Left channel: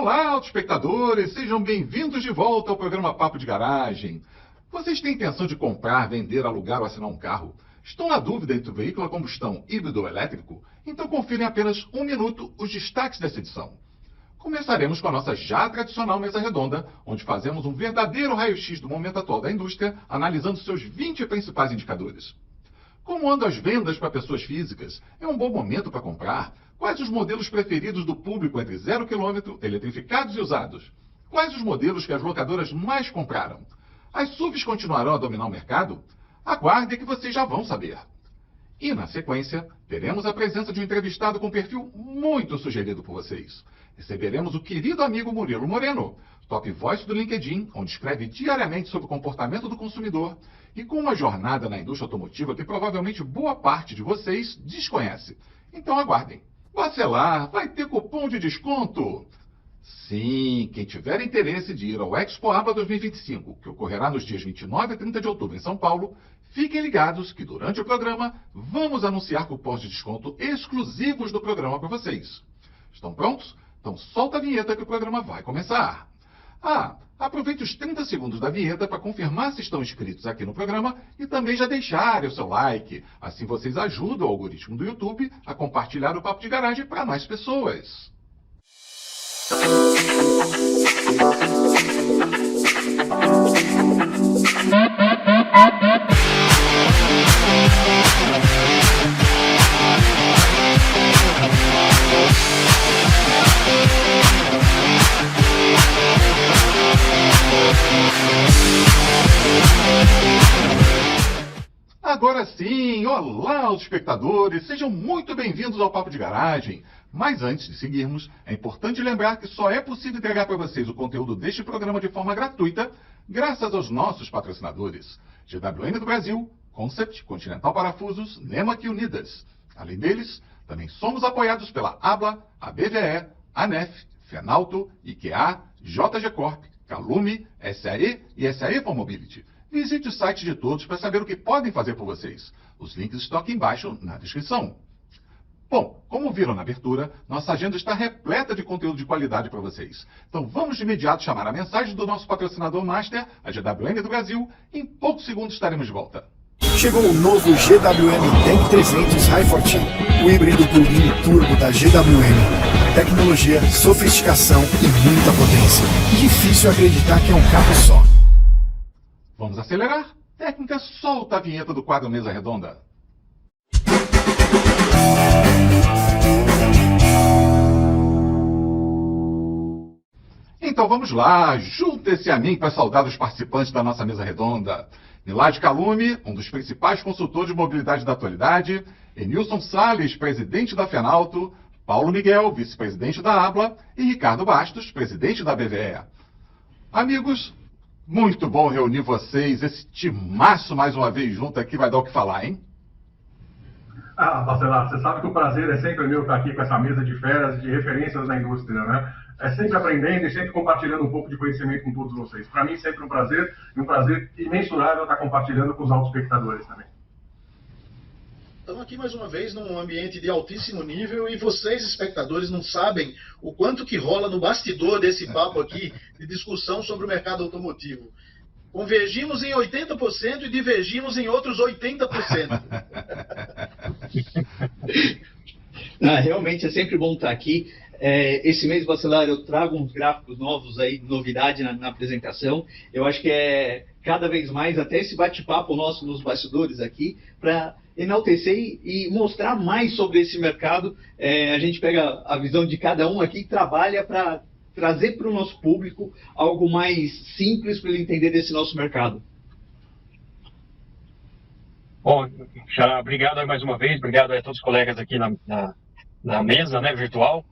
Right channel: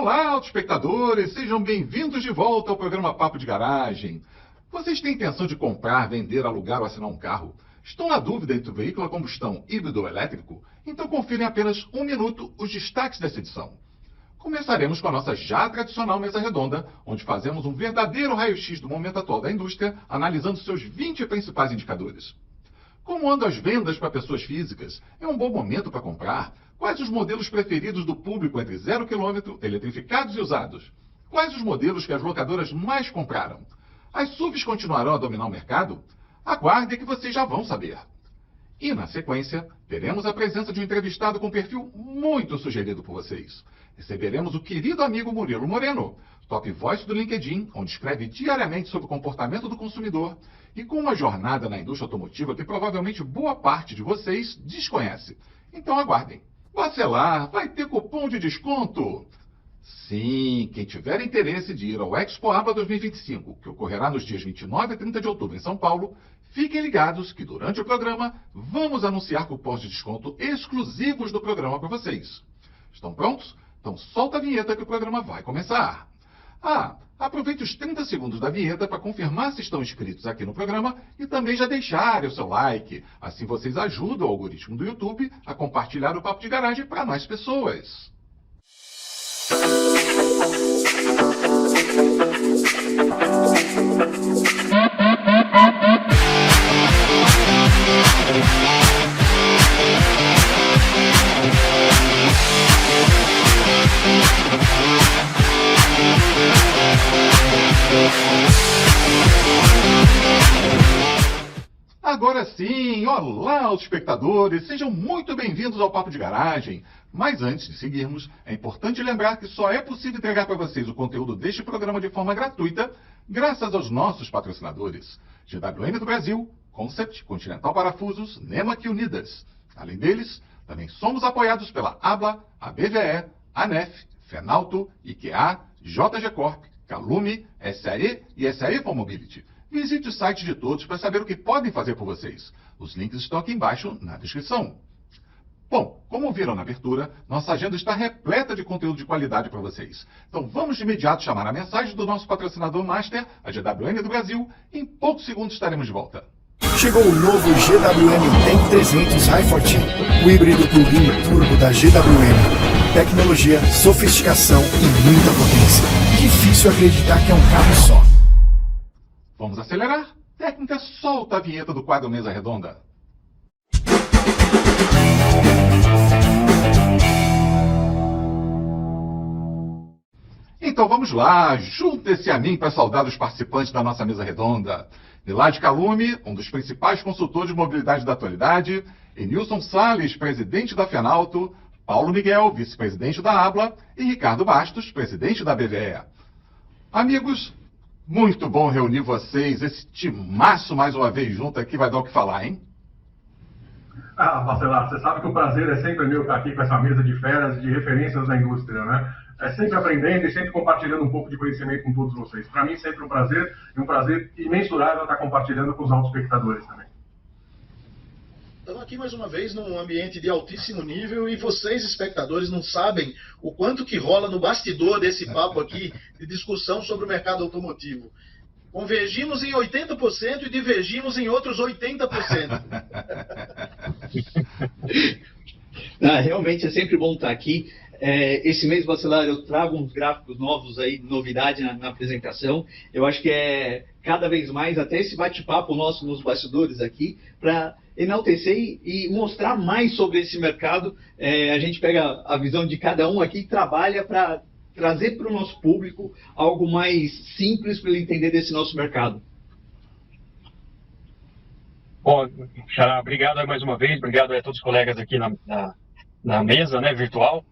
Olá, autoespectadores! Sejam bem-vindos de volta ao programa Papo de Garagem. Vocês têm intenção de comprar, vender, alugar ou assinar um carro? Estão na dúvida entre o veículo a combustão híbrido ou elétrico? Então confirem em apenas um minuto os destaques dessa edição. Começaremos com a nossa já tradicional mesa redonda, onde fazemos um verdadeiro raio-x do momento atual da indústria, analisando seus 20 principais indicadores. Como andam as vendas para pessoas físicas? É um bom momento para comprar? Quais os modelos preferidos do público entre 0 km, eletrificados e usados? Quais os modelos que as locadoras mais compraram? As SUVs continuarão a dominar o mercado? Aguardem que vocês já vão saber. E, na sequência, teremos a presença de um entrevistado com perfil muito sugerido por vocês. Receberemos o querido amigo Murilo Moreno, top voice do LinkedIn, onde escreve diariamente sobre o comportamento do consumidor e com uma jornada na indústria automotiva que provavelmente boa parte de vocês desconhece. Então aguardem. Bacelar, vai ter cupom de desconto? Sim, quem tiver interesse de ir ao Expo Abla 2025, que ocorrerá nos dias 29 e 30 de outubro em São Paulo, fiquem ligados que durante o programa vamos anunciar cupons de desconto exclusivos do programa para vocês. Estão prontos? Então solta a vinheta que o programa vai começar. Aproveite os 30 segundos da vinheta para confirmar se estão inscritos aqui no programa e também já deixarem o seu like. Assim vocês ajudam o algoritmo do YouTube a compartilhar o Papo de Garagem para mais pessoas. Agora sim, olá aos espectadores, sejam muito bem-vindos ao Papo de Garagem. Mas antes de seguirmos, é importante lembrar que só é possível entregar para vocês o conteúdo deste programa de forma gratuita, graças aos nossos patrocinadores: GWM do Brasil, Concept, Continental Parafusos, Nemak e Unidas. Além deles, também somos apoiados pela ABLA, a BVE, a NEF, Fenalto, IKEA, JG Corp, Calume, SAE e SAE for Mobility. Visite o site de todos para saber o que podem fazer por vocês. Os links estão aqui embaixo na descrição. Bom, como viram na abertura, nossa agenda está repleta de conteúdo de qualidade para vocês. Então vamos de imediato chamar a mensagem do nosso patrocinador master, a GWM do Brasil. Em poucos segundos estaremos de volta. Chegou o novo GWM Tank 300 Hi-Forte, o híbrido turbino turbo da GWM. Tecnologia, sofisticação e muita potência. Difícil acreditar que é um carro só. Vamos acelerar? Técnica, solta a vinheta do quadro Mesa Redonda. Então vamos lá, junte-se a mim para saudar os participantes da nossa mesa redonda. Nilad Calume, um dos principais consultores de mobilidade da atualidade, Enilson Salles, presidente da Fenalto, Paulo Miguel, vice-presidente da ABLA e Ricardo Bastos, presidente da BVE. Amigos, muito bom reunir vocês, esse timaço mais uma vez junto aqui vai dar o que falar, hein? Bacelar, você sabe que o prazer é sempre meu estar aqui com essa mesa de feras e de referências da indústria, né? É sempre aprendendo e sempre compartilhando um pouco de conhecimento com todos vocês. Para mim, sempre um prazer, e um prazer imensurável estar compartilhando com os autoespectadores também. Estamos aqui mais uma vez num ambiente de altíssimo nível e vocês, espectadores, não sabem o quanto que rola no bastidor desse papo aqui de discussão sobre o mercado automotivo. Convergimos em 80% e divergimos em outros 80%. Realmente é sempre bom estar aqui. Esse mês, Bacelar, eu trago uns gráficos novos aí, novidade na apresentação. Eu acho que é cada vez mais, até esse bate-papo nosso nos bastidores aqui, para enaltecer e mostrar mais sobre esse mercado. A gente pega a visão de cada um aqui e trabalha para trazer para o nosso público algo mais simples para ele entender desse nosso mercado. Bom, Xará, obrigado mais uma vez, obrigado a todos os colegas aqui na mesa, né, virtual.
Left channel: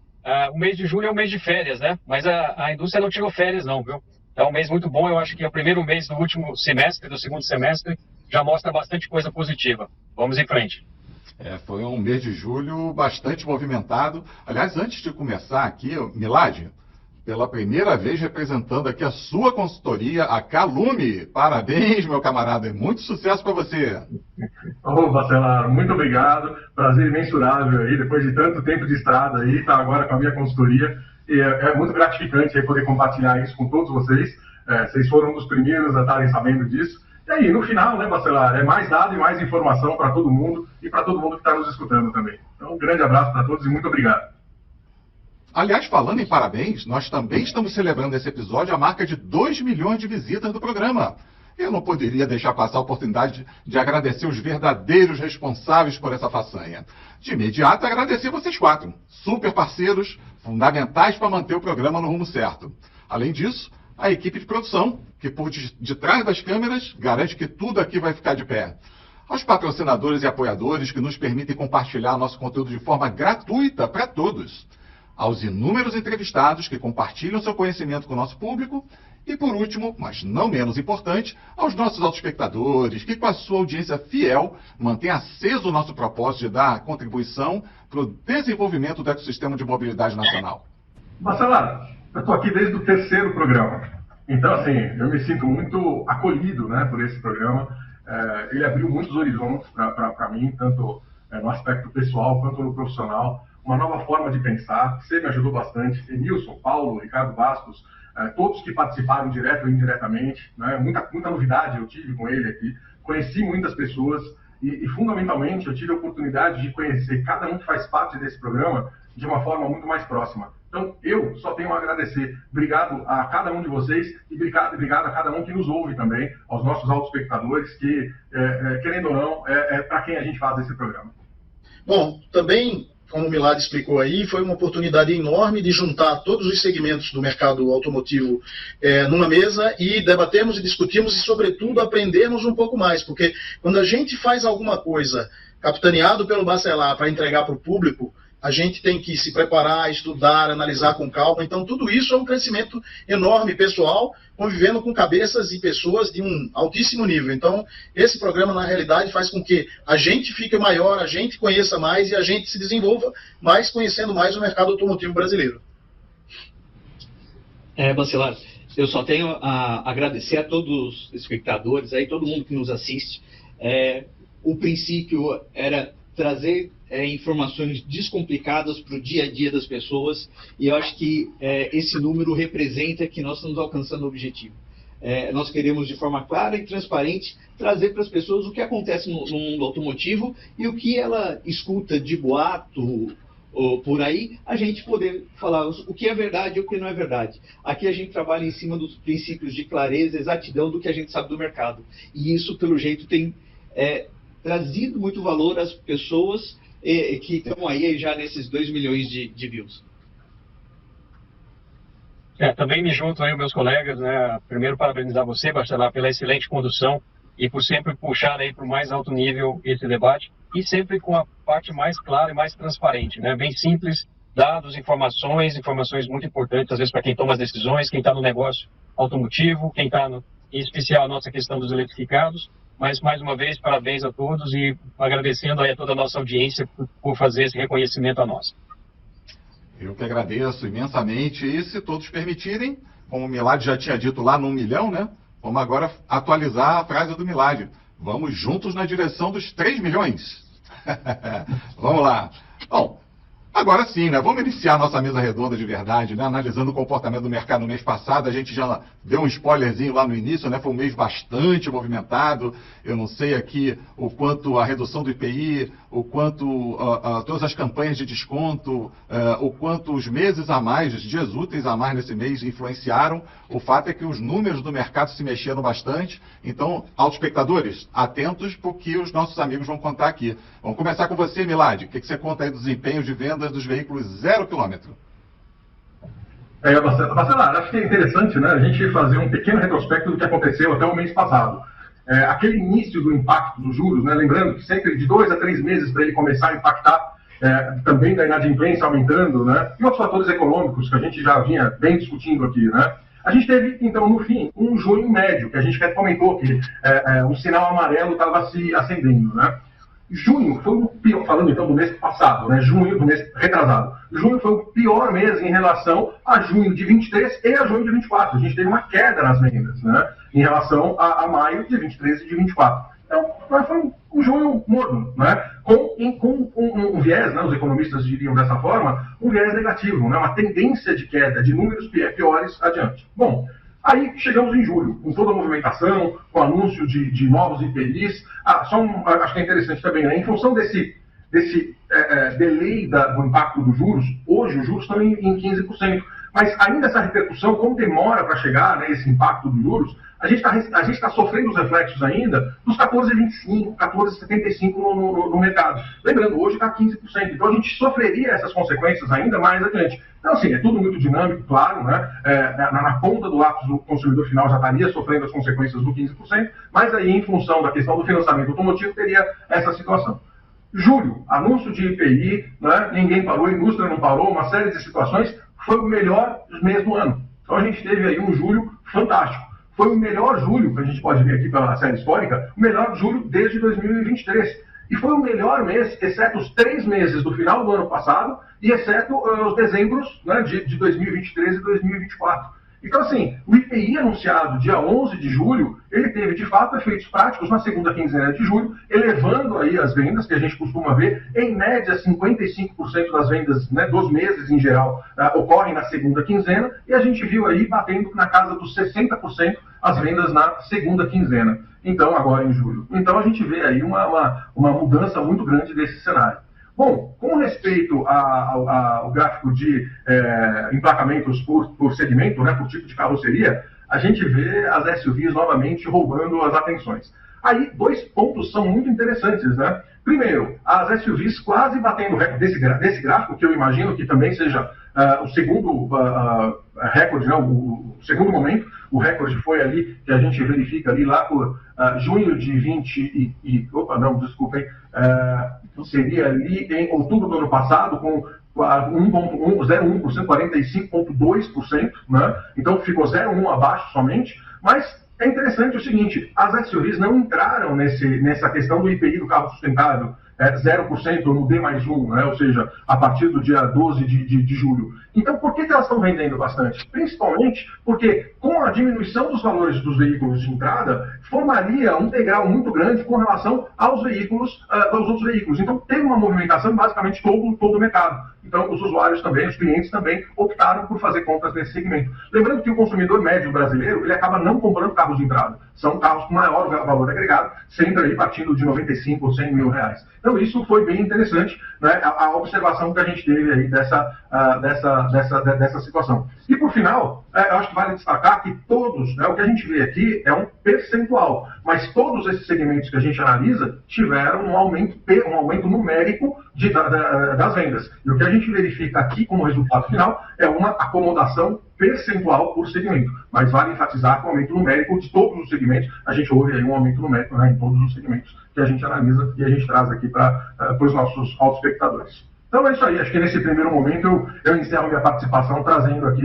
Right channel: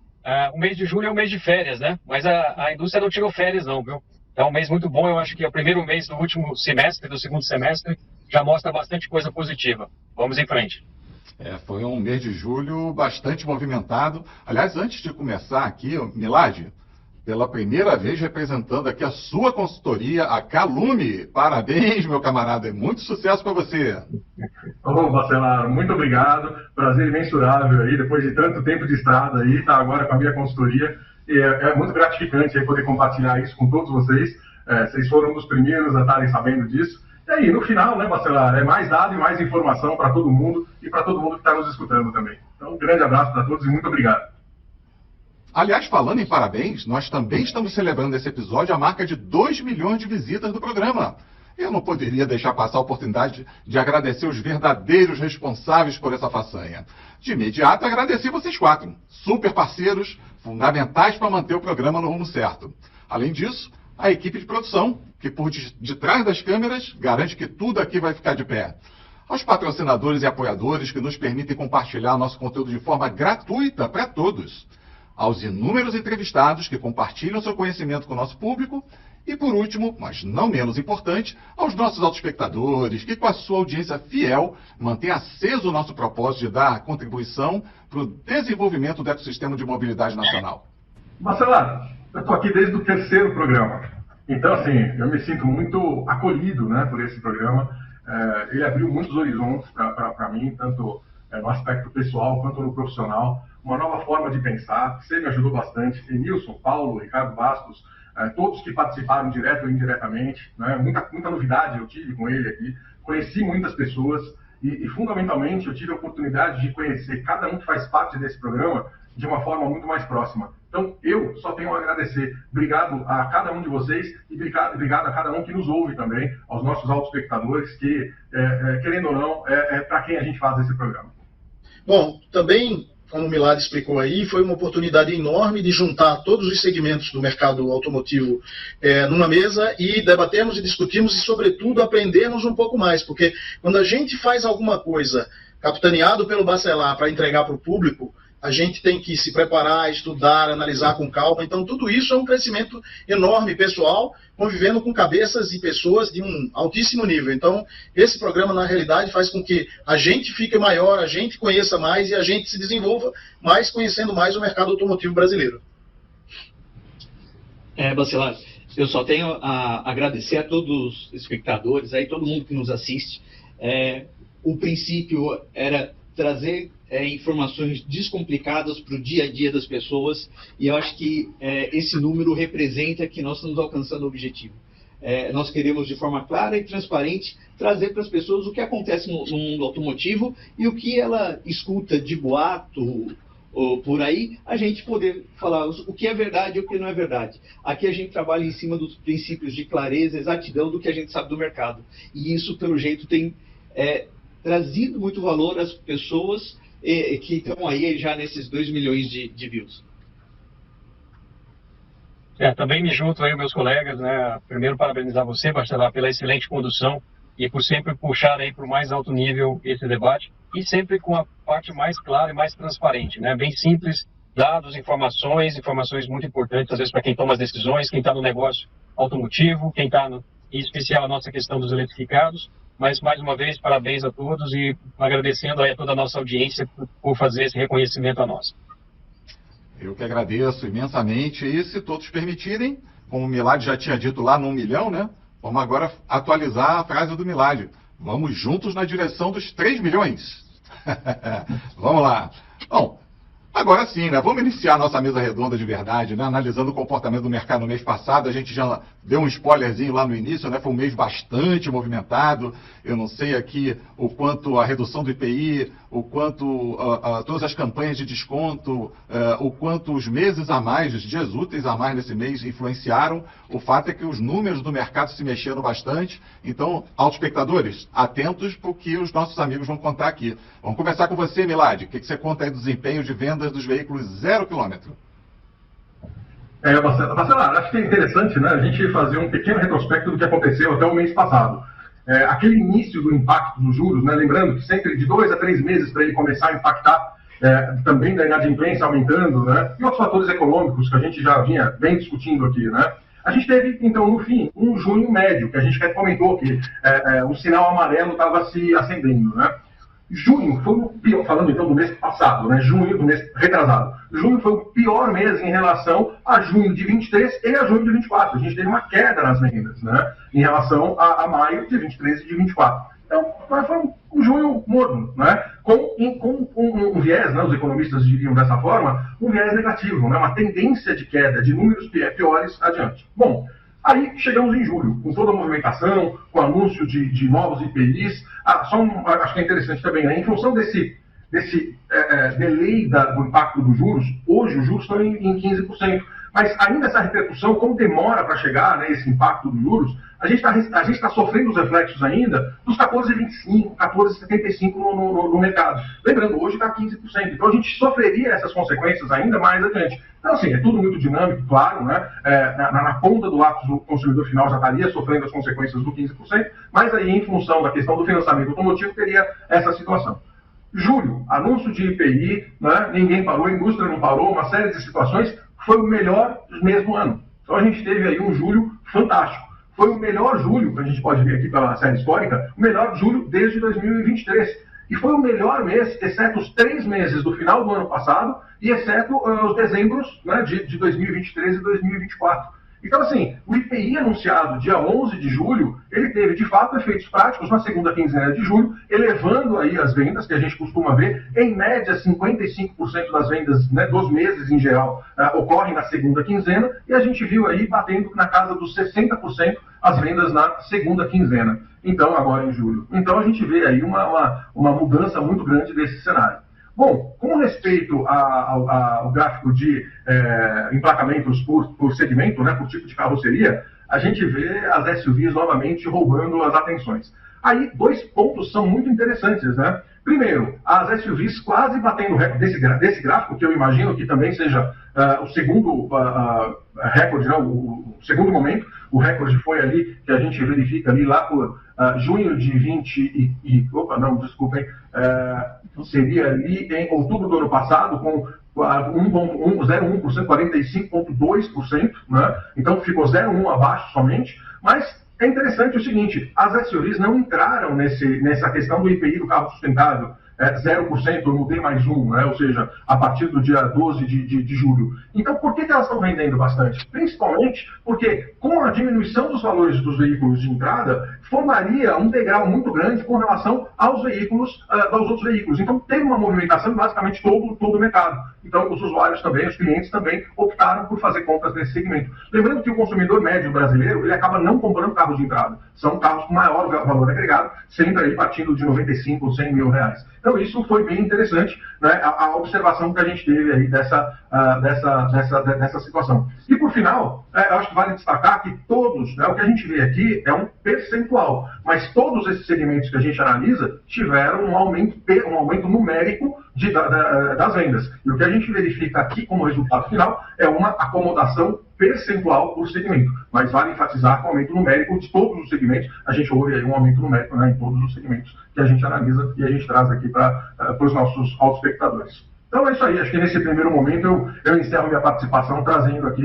O mês de julho é um mês de férias, né? Mas a indústria não tirou férias não, viu? É um mês muito bom, eu acho que é o primeiro mês do último semestre, do segundo semestre, já mostra bastante coisa positiva. Vamos em frente. Foi um mês de julho bastante movimentado. Aliás, antes de começar aqui, Nilad, pela primeira vez representando aqui a sua consultoria, a Calume. Parabéns, meu camarada, muito sucesso para você. Ô, Bacelar, muito obrigado, prazer imensurável aí, depois de tanto tempo de estrada aí, tá agora com a minha consultoria. É muito gratificante aí poder compartilhar isso com todos vocês. Vocês foram um dos primeiros a estarem sabendo disso. E aí, no final, né, Bacelar, é mais dado e mais informação para todo mundo e para todo mundo que está nos escutando também. Então, um grande abraço para todos e muito obrigado. Aliás, falando em parabéns, nós também estamos celebrando nesse episódio a marca de 2 milhões de visitas do programa. Eu não poderia deixar passar a oportunidade de agradecer os verdadeiros responsáveis por essa façanha. De imediato, agradecer vocês 4, super parceiros, fundamentais para manter o programa no rumo certo. Além disso, a equipe de produção, que por detrás das câmeras garante que tudo aqui vai ficar de pé. Aos patrocinadores e apoiadores que nos permitem compartilhar nosso conteúdo de forma gratuita para todos. Aos inúmeros entrevistados que compartilham seu conhecimento com o nosso público. E por último, mas não menos importante, aos nossos autoespectadores que com a sua audiência fiel mantém aceso o nosso propósito de dar contribuição para o desenvolvimento do ecossistema de mobilidade nacional. Bacelar, eu estou aqui desde o 3º programa. Então, assim, eu me sinto muito acolhido, né, por esse programa. Ele abriu muitos horizontes para mim, tanto no aspecto pessoal quanto no profissional. Uma nova forma de pensar. Você me ajudou bastante. Emilson, Paulo, Ricardo Bastos, todos que participaram direto ou indiretamente. Né, muita novidade eu tive com ele aqui. Conheci muitas pessoas e, fundamentalmente, eu tive a oportunidade de conhecer cada um que faz parte desse programa de uma forma muito mais próxima. Então, eu só tenho a agradecer. Obrigado a cada um de vocês e obrigado a cada um que nos ouve também, aos nossos autoespectadores, que, querendo ou não, é para quem a gente faz esse programa. Bom, também, como o Milad explicou aí, foi uma oportunidade enorme de juntar todos os segmentos do mercado automotivo numa mesa e debatermos e discutirmos e, sobretudo, aprendermos um pouco mais, porque quando a gente faz alguma coisa capitaneado pelo Bacelar para entregar para o público, a gente tem que se preparar, estudar, analisar com calma. Então, tudo isso é um crescimento enorme, pessoal, convivendo com cabeças e pessoas de um altíssimo nível. Então, esse programa, na realidade, faz com que a gente fique maior, a gente conheça mais e a gente se desenvolva mais, conhecendo mais o mercado automotivo brasileiro. Bacelar, eu só tenho a agradecer a todos os espectadores, aí, todo mundo que nos assiste. O princípio era trazer informações descomplicadas para o dia a dia das pessoas, e eu acho que esse número representa que nós estamos alcançando o objetivo. Nós queremos, de forma clara e transparente, trazer para as pessoas o que acontece no mundo automotivo e o que ela escuta de boato ou por aí, a gente poder falar o que é verdade e o que não é verdade. Aqui a gente trabalha em cima dos princípios de clareza, exatidão do que a gente sabe do mercado. E isso, pelo jeito, tem trazido muito valor às pessoas que estão aí já nesses 2 milhões de views. Também me junto aí aos meus colegas, né? Primeiro, parabenizar você, Bacelar, pela excelente condução e por sempre puxar aí para o mais alto nível esse debate e sempre com a parte mais clara e mais transparente, né? Bem simples, dados, informações muito importantes, às vezes para quem toma as decisões, quem está no negócio automotivo, quem está, em especial, a nossa questão dos eletrificados. Mas, mais uma vez, parabéns a todos e agradecendo aí a toda a nossa audiência por fazer esse reconhecimento a nós. Eu que agradeço imensamente e, se todos permitirem, como o Milad já tinha dito lá no 1 milhão, né? Vamos agora atualizar a frase do Milad. Vamos juntos na direção dos 3 milhões. Vamos lá. Bom, agora sim, né? Vamos iniciar a nossa mesa redonda de verdade, né? Analisando o comportamento do mercado no mês passado. A gente já deu um spoilerzinho lá no início, né? Foi um mês bastante movimentado. Eu não sei aqui o quanto a redução do IPI, o quanto todas as campanhas de desconto, o quanto os meses a mais, os dias úteis a mais nesse mês influenciaram. O fato é que os números do mercado se mexeram bastante. Então, autoespectadores, atentos porque os nossos amigos vão contar aqui. Vamos começar com você, Milad. O que você conta aí do desempenho de vendas dos veículos 0 km? Bacelar, acho que é interessante, né, a gente fazer um pequeno retrospecto do que aconteceu até o mês passado. Aquele início do impacto dos juros, né, lembrando que sempre de 2 a 3 meses para ele começar a impactar, também da inadimplência aumentando, né, e outros fatores econômicos que a gente já vinha bem discutindo aqui, né. A gente teve, então, no fim, um junho médio, que a gente comentou que um sinal amarelo estava se acendendo, né. Junho foi o pior, falando então do mês passado, né? Junho, do mês retrasado. Junho foi o pior mês em relação a junho de 23 e a junho de 24. A gente teve uma queda nas vendas, né? Em relação a maio de 23 e de 24. Então, foi um junho morno, né? Com um viés, né? Os economistas diriam dessa forma, um viés negativo, né? Uma tendência de queda de números piores adiante. Bom, aí chegamos em julho, com toda a movimentação, com o anúncio de novos IPIs. Acho que é interessante também, né? Em função desse delay do impacto dos juros, hoje os juros estão em 15%. Mas ainda essa repercussão, como demora para chegar, né, esse impacto dos juros, a gente está sofrendo os reflexos ainda dos 14,25%, 14,75% no mercado. Lembrando, hoje está 15%. Então a gente sofreria essas consequências ainda mais adiante. Então, assim, é tudo muito dinâmico, claro, né? Na ponta do lápis, o consumidor final já estaria sofrendo as consequências do 15%, mas aí, em função da questão do financiamento automotivo, teria essa situação. Julho, anúncio de IPI, né? Ninguém parou, a indústria não parou, uma série de situações. Foi o melhor do mesmo ano. Então a gente teve aí um julho fantástico. Foi o melhor julho, que a gente pode ver aqui pela série histórica, o melhor julho desde 2023. E foi o melhor mês, exceto os 3 meses do final do ano passado e exceto os dezembros, né, de 2023 e 2024. Então, assim, o IPI anunciado dia 11 de julho, ele teve, de fato, efeitos práticos na segunda quinzena de julho, elevando aí as vendas, que a gente costuma ver, em média, 55% das vendas, né, dos meses em geral, ocorrem na segunda quinzena, e a gente viu aí batendo na casa dos 60% as vendas na segunda quinzena, então agora em julho. Então a gente vê aí uma mudança muito grande desse cenário. Bom, com respeito ao gráfico de emplacamentos por segmento, né, por tipo de carroceria, a gente vê as SUVs novamente roubando as atenções. Aí, 2 pontos são muito interessantes, né? Primeiro, as SUVs quase batendo o recorde desse gráfico, que eu imagino que também seja o segundo recorde, não, o segundo momento. O recorde foi ali, que a gente verifica ali lá por junho de 20 seria ali em outubro do ano passado, com 0,1%, 45,2%, né? Então ficou 0,1% abaixo somente, mas é interessante o seguinte, as SUVs não entraram nessa questão do IPI do carro sustentável, 0% ou no D+1, né? Ou seja, a partir do dia 12 de julho. Então, por que elas estão vendendo bastante? Principalmente porque, com a diminuição dos valores dos veículos de entrada, formaria um degrau muito grande com relação aos veículos, aos outros veículos. Então, teve uma movimentação em basicamente todo o mercado. Então, os usuários também, os clientes também, optaram por fazer compras nesse segmento. Lembrando que o consumidor médio brasileiro, ele acaba não comprando carros de entrada. São carros com maior valor agregado, sempre aí partindo de 95 ou 100 mil reais. Então, isso foi bem interessante, né, a observação que a gente teve aí dessa situação. E, por final, eu acho que vale destacar que todos, né, o que a gente vê aqui é um percentual, mas todos esses segmentos que a gente analisa tiveram um aumento numérico das vendas. E o que a gente verifica aqui como resultado final é uma acomodação percentual por segmento. Mas vale enfatizar que o aumento numérico de todos os segmentos, a gente ouve aí um aumento numérico, né, em todos os segmentos que a gente analisa e a gente traz aqui para os nossos autoespectadores. Então é isso aí, acho que nesse primeiro momento eu encerro minha participação trazendo aqui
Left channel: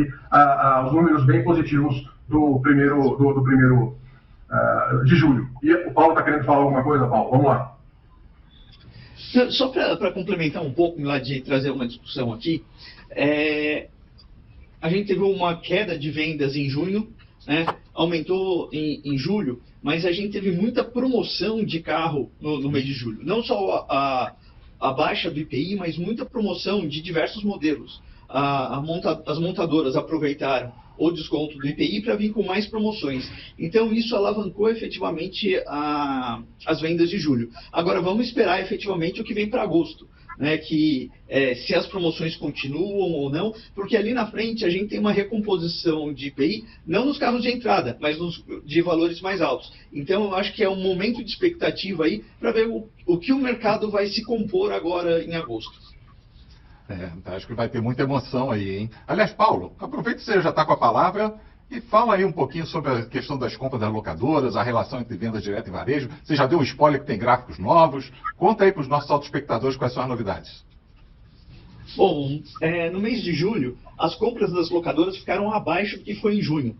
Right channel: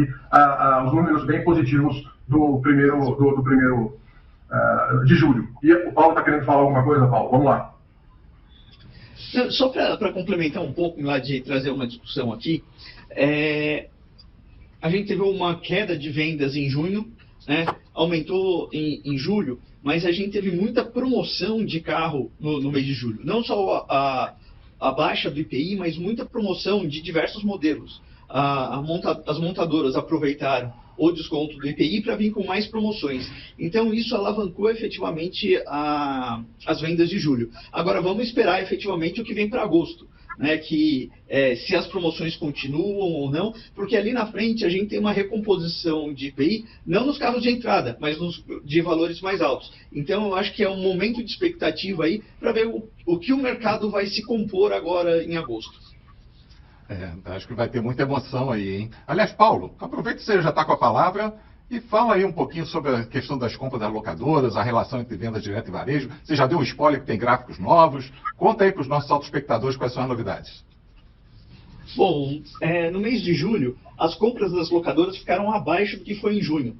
os números bem positivos do primeiro de julho. E o Paulo está querendo falar alguma coisa, Paulo? Vamos lá. Só para complementar um pouco, lá de trazer uma discussão aqui, a gente teve uma queda de vendas em junho, né? Aumentou em julho, mas a gente teve muita promoção de carro no mês de julho. Não só a baixa do IPI, mas muita promoção de diversos modelos. As montadoras aproveitaram o desconto do IPI para vir com mais promoções. Então, isso alavancou efetivamente as vendas de julho. Agora, vamos esperar efetivamente o que vem para agosto, né? Que se as promoções continuam ou não, porque ali na frente a gente tem uma recomposição de IPI, não nos carros de entrada, mas de valores mais altos. Então, eu acho que é um momento de expectativa aí para ver o que o mercado vai se compor agora em agosto. Acho que vai ter muita emoção aí, hein? Aliás, Paulo, aproveita que você já está com a palavra e fala aí um pouquinho sobre a questão das compras das locadoras, a relação entre vendas direta e varejo. Você já deu um spoiler que tem gráficos novos. Conta aí para os nossos autoespectadores quais são as novidades. Bom, no mês de julho, as compras das locadoras ficaram abaixo do que foi em junho.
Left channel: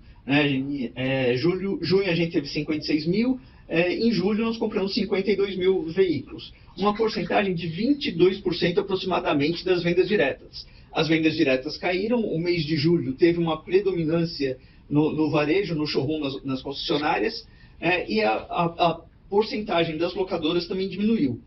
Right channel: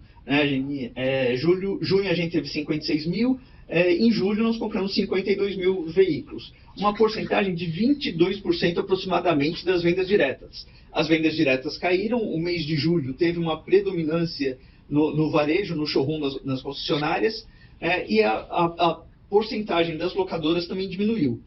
Junho a gente teve 56 mil, em julho nós compramos 52 mil veículos. Uma porcentagem de 22% aproximadamente das vendas diretas. As vendas diretas caíram, o mês de julho teve uma predominância no varejo, no showroom nas concessionárias, e porcentagem das locadoras também diminuiu.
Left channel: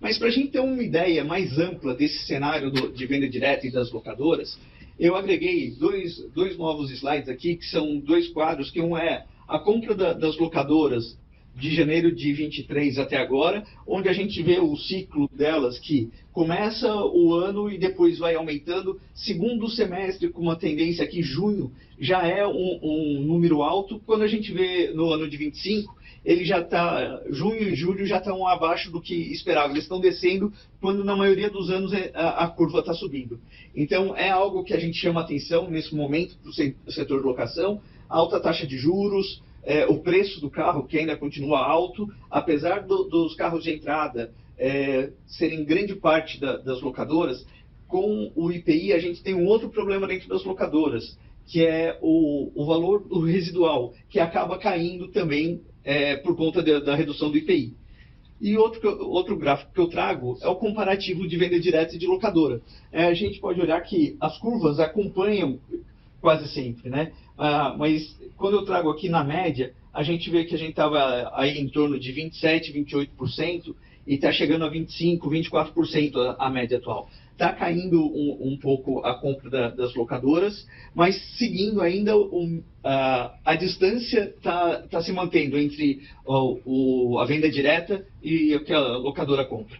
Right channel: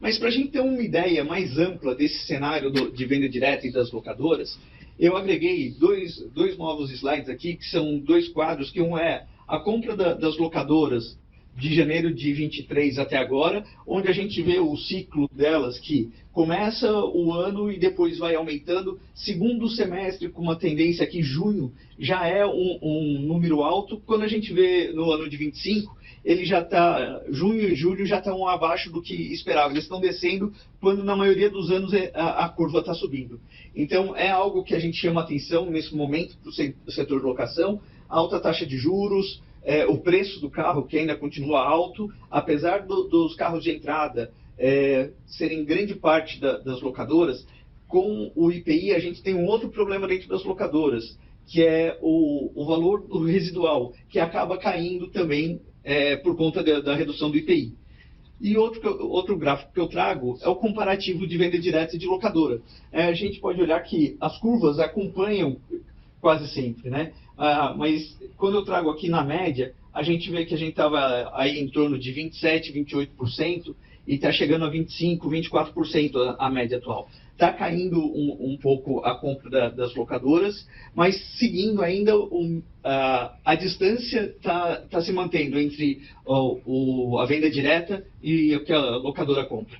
Mas para a gente ter uma ideia mais ampla desse cenário de venda direta e das locadoras, eu agreguei dois novos slides aqui, que são 2 quadros, que um é a compra das locadoras de janeiro de 23 até agora, onde a gente vê o ciclo delas, que começa o ano e depois vai aumentando. Segundo semestre, com uma tendência aqui, junho já é um número alto. Quando a gente vê no ano de 25, ele já está, junho e julho já estão abaixo do que esperava. Eles estão descendo, quando na maioria dos anos a curva está subindo. Então, é algo que a gente chama atenção nesse momento para o setor de locação. Alta taxa de juros, o preço do carro, que ainda continua alto, apesar dos carros de entrada serem grande parte das locadoras. Com o IPI, a gente tem um outro problema dentro das locadoras, que é o valor do residual, que acaba caindo também por conta da redução do IPI. E outro gráfico que eu trago é o comparativo de venda direta e de locadora. A gente pode olhar que as curvas acompanham quase sempre, né? Mas quando eu trago aqui na média, a gente vê que a gente estava aí em torno de 27%, 28%, e está chegando a 25%, 24% a média atual. Está caindo um pouco a compra das locadoras, mas seguindo ainda a distância está se mantendo entre a venda direta e o que a locadora compra.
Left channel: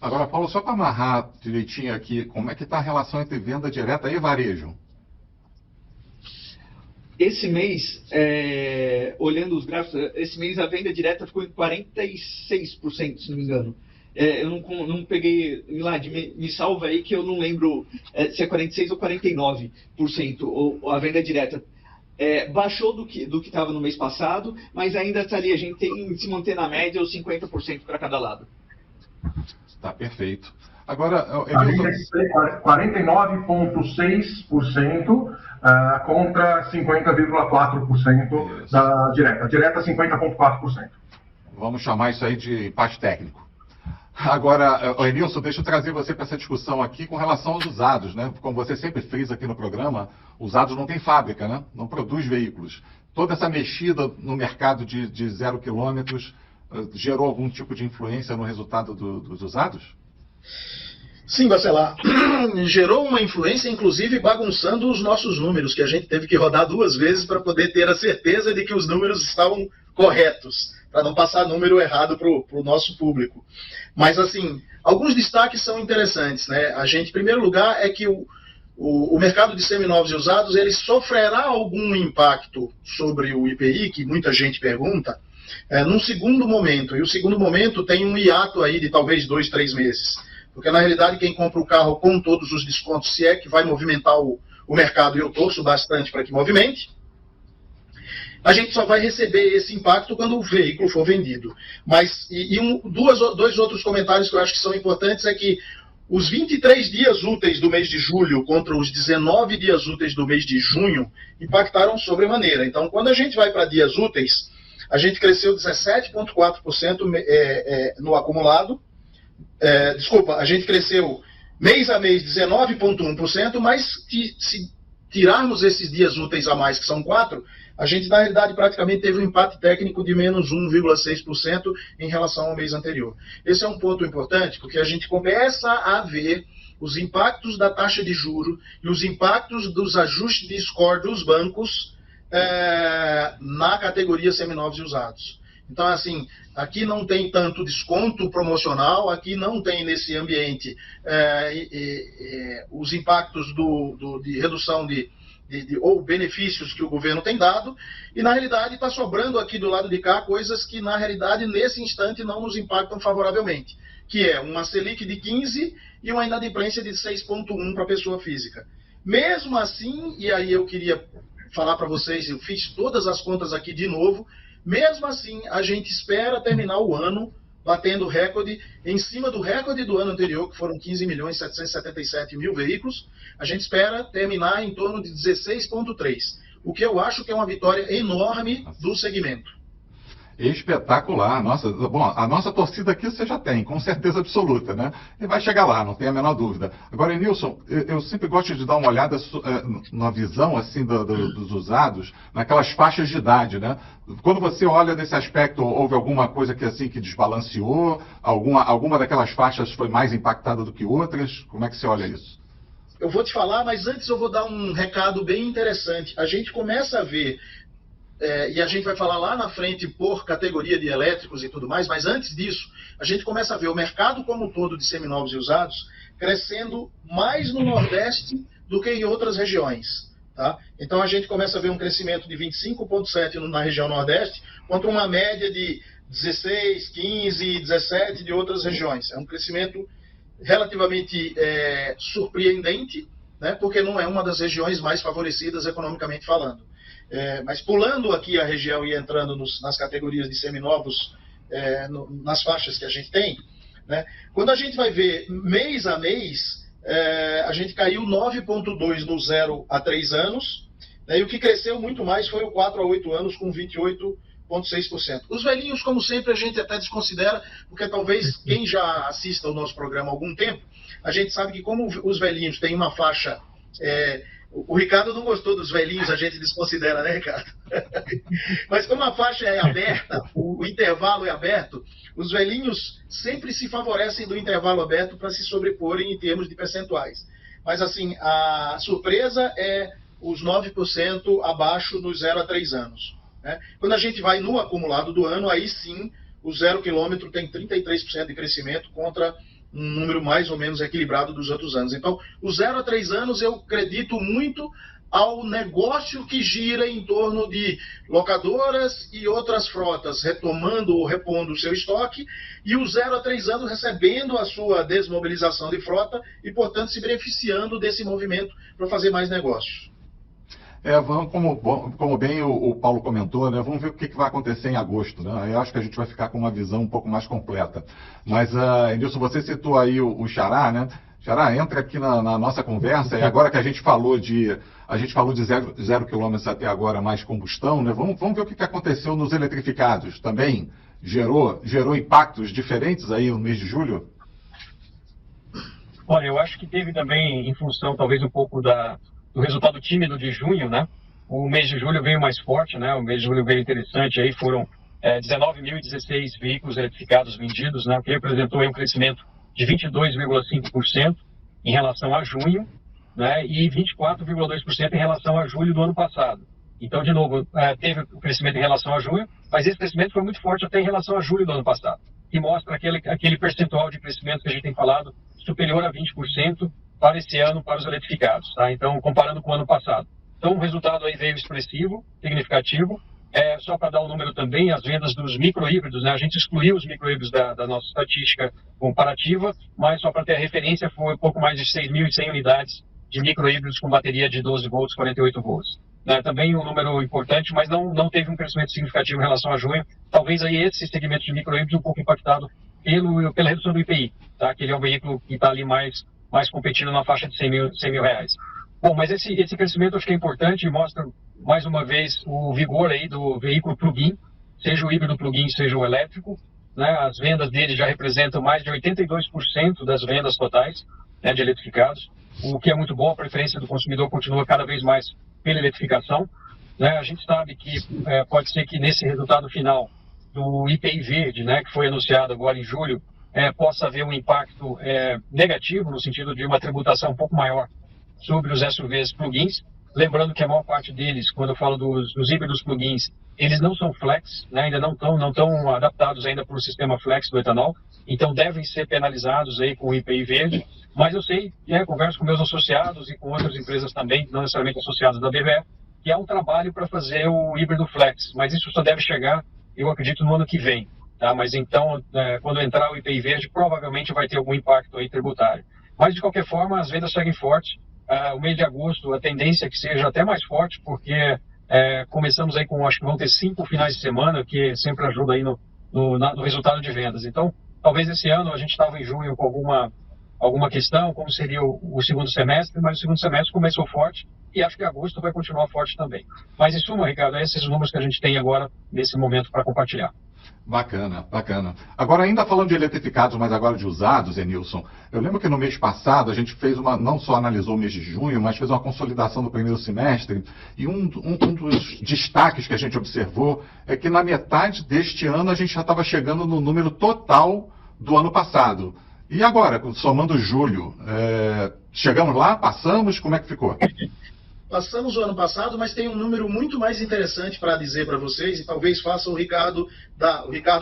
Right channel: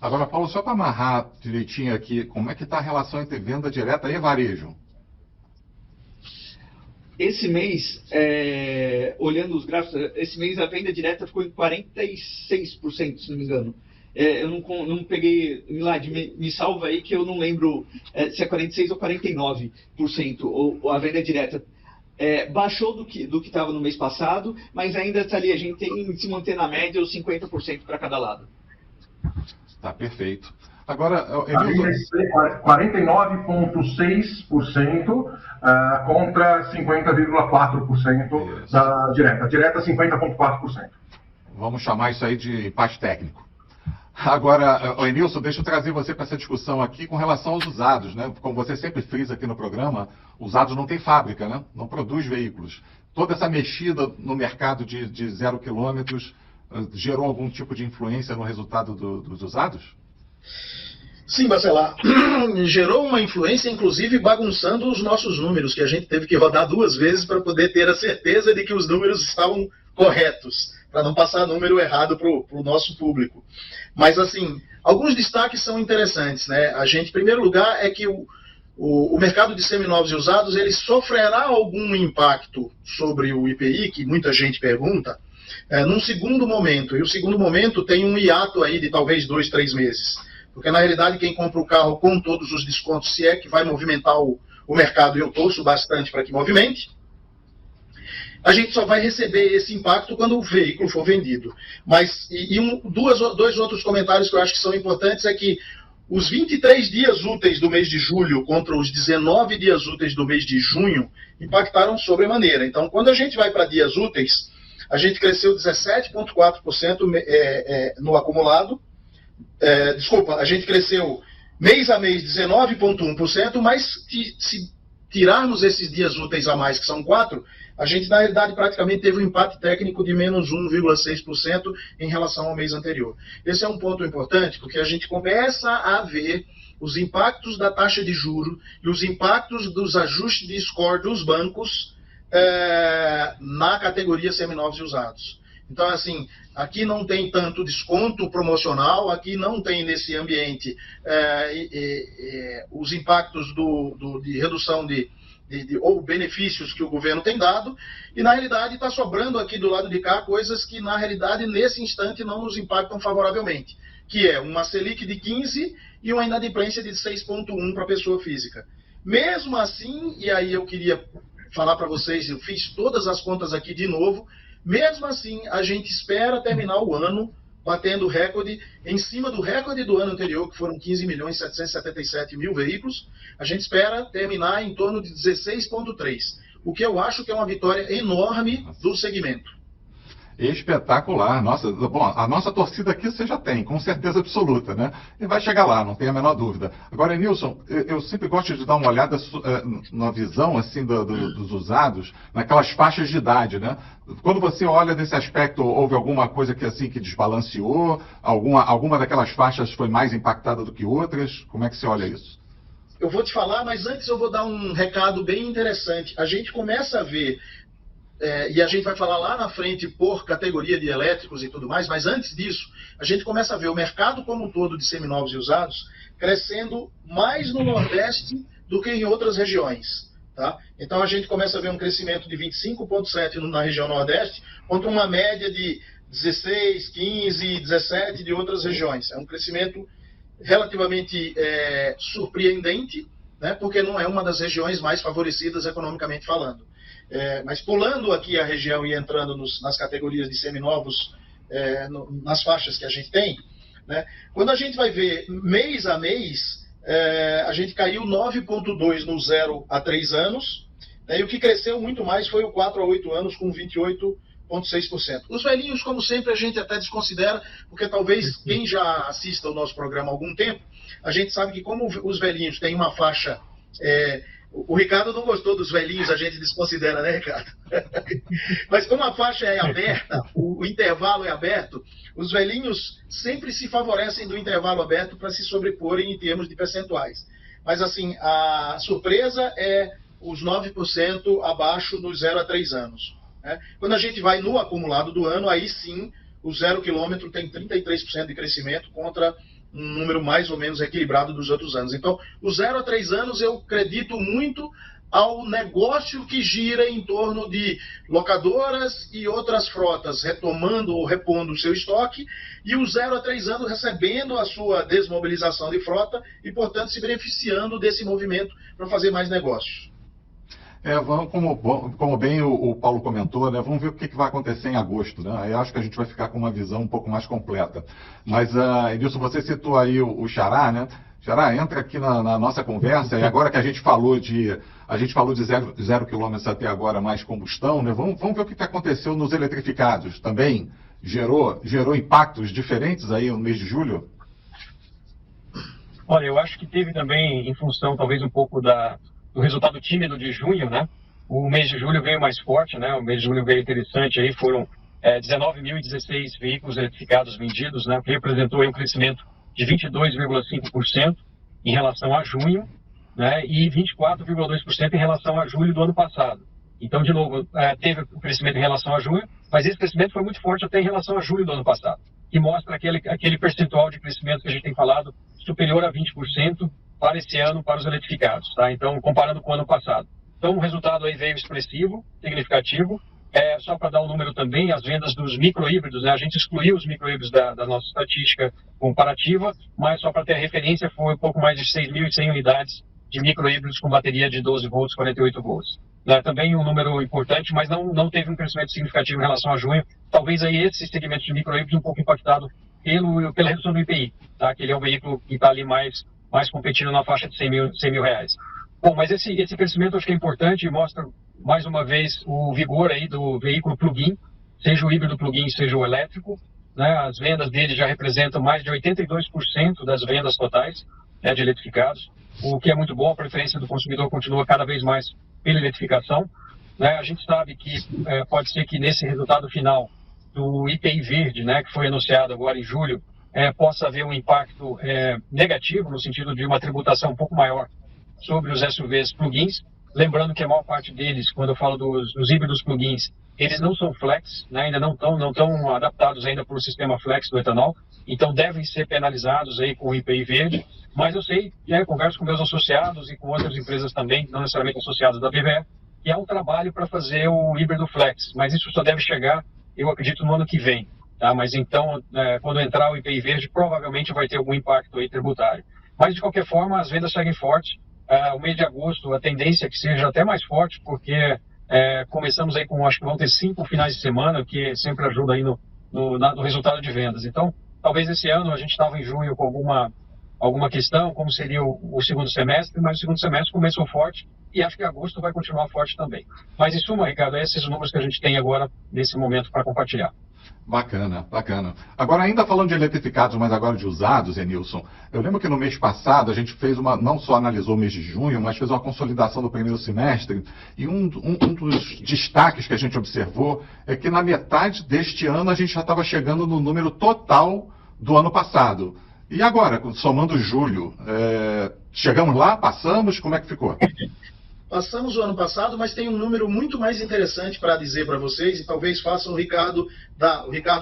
Agora, Paulo, só para amarrar direitinho aqui, como é que está a relação entre venda direta e varejo? Esse mês, olhando os gráficos, esse mês a venda direta ficou em 46%, se não me engano. Eu não peguei, Milad, me salva aí que eu não lembro se é 46% ou 49% a venda direta. Baixou do que estava no mês passado, mas ainda está ali, a gente tem que se manter na média os 50% para cada lado. Tá perfeito. Agora, 49,6% contra 50,4% da direta. A direta 50,4%. Vamos chamar isso aí de empate técnico. Agora, Emilson, deixa eu trazer você para essa discussão aqui com relação aos usados, né? Como você sempre frisa aqui no programa, usados não tem fábrica, né? Não produz veículos. Toda essa mexida no mercado de 0 quilômetros gerou algum tipo de influência no resultado dos usados? Sim, Bacelar. Gerou uma influência, inclusive bagunçando os nossos números, que a gente teve que rodar 2 vezes para poder ter a certeza de que os números estavam corretos, para não passar número errado para o nosso público. Mas, assim, alguns destaques são interessantes, né? A gente, em primeiro lugar, é que o mercado de seminovos e usados, ele sofrerá algum impacto sobre o IPI, que muita gente pergunta, num segundo momento. E o segundo momento tem um hiato aí de talvez 2, 3 meses. Porque, na realidade, quem compra o carro com todos os descontos, se é que vai movimentar o mercado, e eu torço bastante para que movimente, a gente só vai receber esse impacto quando o veículo for vendido. Mas, dois outros comentários que eu acho que são importantes é que os 23 dias úteis do mês de julho contra os 19 dias úteis do mês de junho impactaram sobremaneira. Então, quando a gente vai para dias úteis, a gente cresceu 17,4% no acumulado. A gente cresceu mês a mês 19,1%, mas se tirarmos esses dias úteis a mais, que são 4, a gente, na realidade, praticamente teve um empate técnico de menos 1,6% em relação ao mês anterior. Esse é um ponto importante, porque a gente começa a ver os impactos da taxa de juros e os impactos dos ajustes de score dos bancos na categoria seminovos e usados. Então, assim, aqui não tem tanto desconto promocional, aqui não tem nesse ambiente os impactos de redução ou benefícios que o governo tem dado, e na realidade está sobrando aqui do lado de cá coisas que na realidade nesse instante não nos impactam favoravelmente, que é uma Selic de 15% e uma inadimplência de 6,1% para a pessoa física. Mesmo assim, e aí eu queria falar para vocês, eu fiz todas as contas aqui de novo, mesmo assim a gente espera terminar o ano batendo recorde, em cima do recorde do ano anterior, que foram 15.777.000 veículos, a gente espera terminar em torno de 16,3, o que eu acho que é uma vitória enorme do segmento. Espetacular. Nossa, bom, a nossa torcida aqui você já tem, com certeza absoluta, né? E vai chegar lá, não tem a menor dúvida. Agora, Nilson, eu sempre gosto de dar uma olhada na visão assim dos usados, naquelas faixas de idade, né? Quando você olha desse aspecto, houve alguma coisa que assim que desbalanceou? Alguma daquelas faixas foi mais impactada do que outras? Como é que você olha isso? Eu vou te falar, mas antes eu vou dar um recado bem interessante. A gente começa a ver e a gente vai falar lá na frente por categoria de elétricos e tudo mais, mas antes disso, a gente começa a ver o mercado como um todo de seminovos e usados crescendo mais no Nordeste do que em outras regiões. Tá? Então a gente começa a ver um crescimento de 25,7% na região Nordeste, contra uma média de 16, 15, 17 de outras regiões. É um crescimento relativamente surpreendente, né? Porque não é uma das regiões mais favorecidas economicamente falando. Mas pulando aqui a região e entrando nas categorias de seminovos, nas faixas que a gente tem, né? Quando a gente vai ver mês a mês, a gente caiu 9,2% no 0 a 3 anos, né? E o que cresceu muito mais foi o 4 a 8 anos, com 28,6%. Os velhinhos, como sempre, a gente até desconsidera, porque talvez quem já assista ao nosso programa há algum tempo, a gente sabe que como os velhinhos têm uma faixa... O Ricardo não gostou dos velhinhos, a gente desconsidera, né, Ricardo? Mas como a faixa é aberta, o intervalo é aberto, os velhinhos sempre se favorecem do intervalo aberto para se sobreporem em termos de percentuais. Mas, assim, a surpresa é os 9% abaixo nos 0 a 3 anos. Né? Quando a gente vai no acumulado do ano, aí sim, o 0 quilômetro tem 33% de crescimento contra um número mais ou menos equilibrado dos outros anos. Então, os 0 a 3 anos eu acredito muito ao negócio que gira em torno de locadoras e outras frotas retomando ou repondo o seu estoque, e os 0 a 3 anos recebendo a sua desmobilização de frota e, portanto, se beneficiando desse movimento para fazer mais negócios. Como bem o Paulo comentou, né, vamos ver o que vai acontecer em agosto. Né? Eu acho que a gente vai ficar com uma visão um pouco mais completa. Mas, Nilson, você citou aí o Xará, né? Xará, entra aqui na nossa conversa, e agora que a gente falou de 0 quilômetros até agora mais combustão, né? Vamos ver o que aconteceu nos eletrificados. Também gerou impactos diferentes aí no mês de julho? Olha, eu acho que teve também, em função talvez um pouco do resultado tímido de junho, né? O mês de julho veio mais forte, né? O mês de julho veio interessante, aí foram 19.016 veículos eletrificados vendidos, né? O que representou aí um crescimento de 22,5% em relação a junho, né? E 24,2% em relação a julho do ano passado. Então, de novo, teve o crescimento em relação a junho, mas esse crescimento foi muito forte até em relação a julho do ano passado, que mostra aquele percentual de crescimento que a gente tem falado, superior a 20%, para esse ano, para os eletrificados, tá? Então, comparando com o ano passado. Então, o resultado aí veio expressivo, significativo. Só para dar um número também, as vendas dos micro-híbridos, né? A gente excluiu os micro-híbridos da nossa estatística comparativa, mas só para ter a referência, foi um pouco mais de 6.100 unidades de micro-híbridos com bateria de 12 volts, 48 volts. Também um número importante, mas não teve um crescimento significativo em relação a junho. Talvez aí esse segmento de micro-híbridos um pouco impactado pela redução do IPI, tá? Que ele é um veículo que está ali mais competindo na faixa de 100 mil reais. Bom, mas esse crescimento acho que é importante e mostra, mais uma vez, o vigor aí do veículo plug-in, seja o híbrido plug-in, seja o elétrico, né? As vendas dele já representam mais de 82% das vendas totais, né, de eletrificados, o que é muito bom. A preferência do consumidor continua cada vez mais pela eletrificação, né? A gente sabe que pode ser que nesse resultado final do IPI verde, né, que foi anunciado agora em julho, possa haver um impacto negativo, no sentido de uma tributação um pouco maior sobre os SUVs plug-ins. Lembrando que a maior parte deles, quando eu falo dos híbridos plug-ins, eles não são flex, né, ainda não estão adaptados ainda para o sistema flex do etanol, então devem ser penalizados aí com o IPI verde. Mas eu sei, converso com meus associados e com outras empresas também, não necessariamente associadas da BVE, que é um trabalho para fazer o híbrido flex, mas isso só deve chegar, eu acredito, no ano que vem. Tá? Mas então, quando entrar o IPI verde, provavelmente vai ter algum impacto aí tributário. Mas, de qualquer forma, as vendas seguem fortes. O mês de agosto, a tendência é que seja até mais forte, porque começamos aí com, acho que vão ter 5 finais de semana, que sempre ajuda aí no resultado de vendas. Então, talvez esse ano a gente estava em junho com alguma questão, como seria o segundo semestre, mas o segundo semestre começou forte e acho que agosto vai continuar forte também. Mas em suma, Ricardo, esses números que a gente tem agora nesse momento para compartilhar. Bacana, bacana. Agora, ainda falando de eletrificados, mas agora de usados, Enilson, eu lembro que no mês passado a gente fez não só analisou o mês de junho, mas fez uma consolidação do primeiro semestre, e um dos destaques que a gente observou é que na metade deste ano a gente já estava chegando no número total do ano passado. E agora, somando julho, chegamos lá, passamos, como é que ficou? Passamos o ano passado, mas tem um número muito mais interessante para dizer para vocês, e talvez faça o Ricardo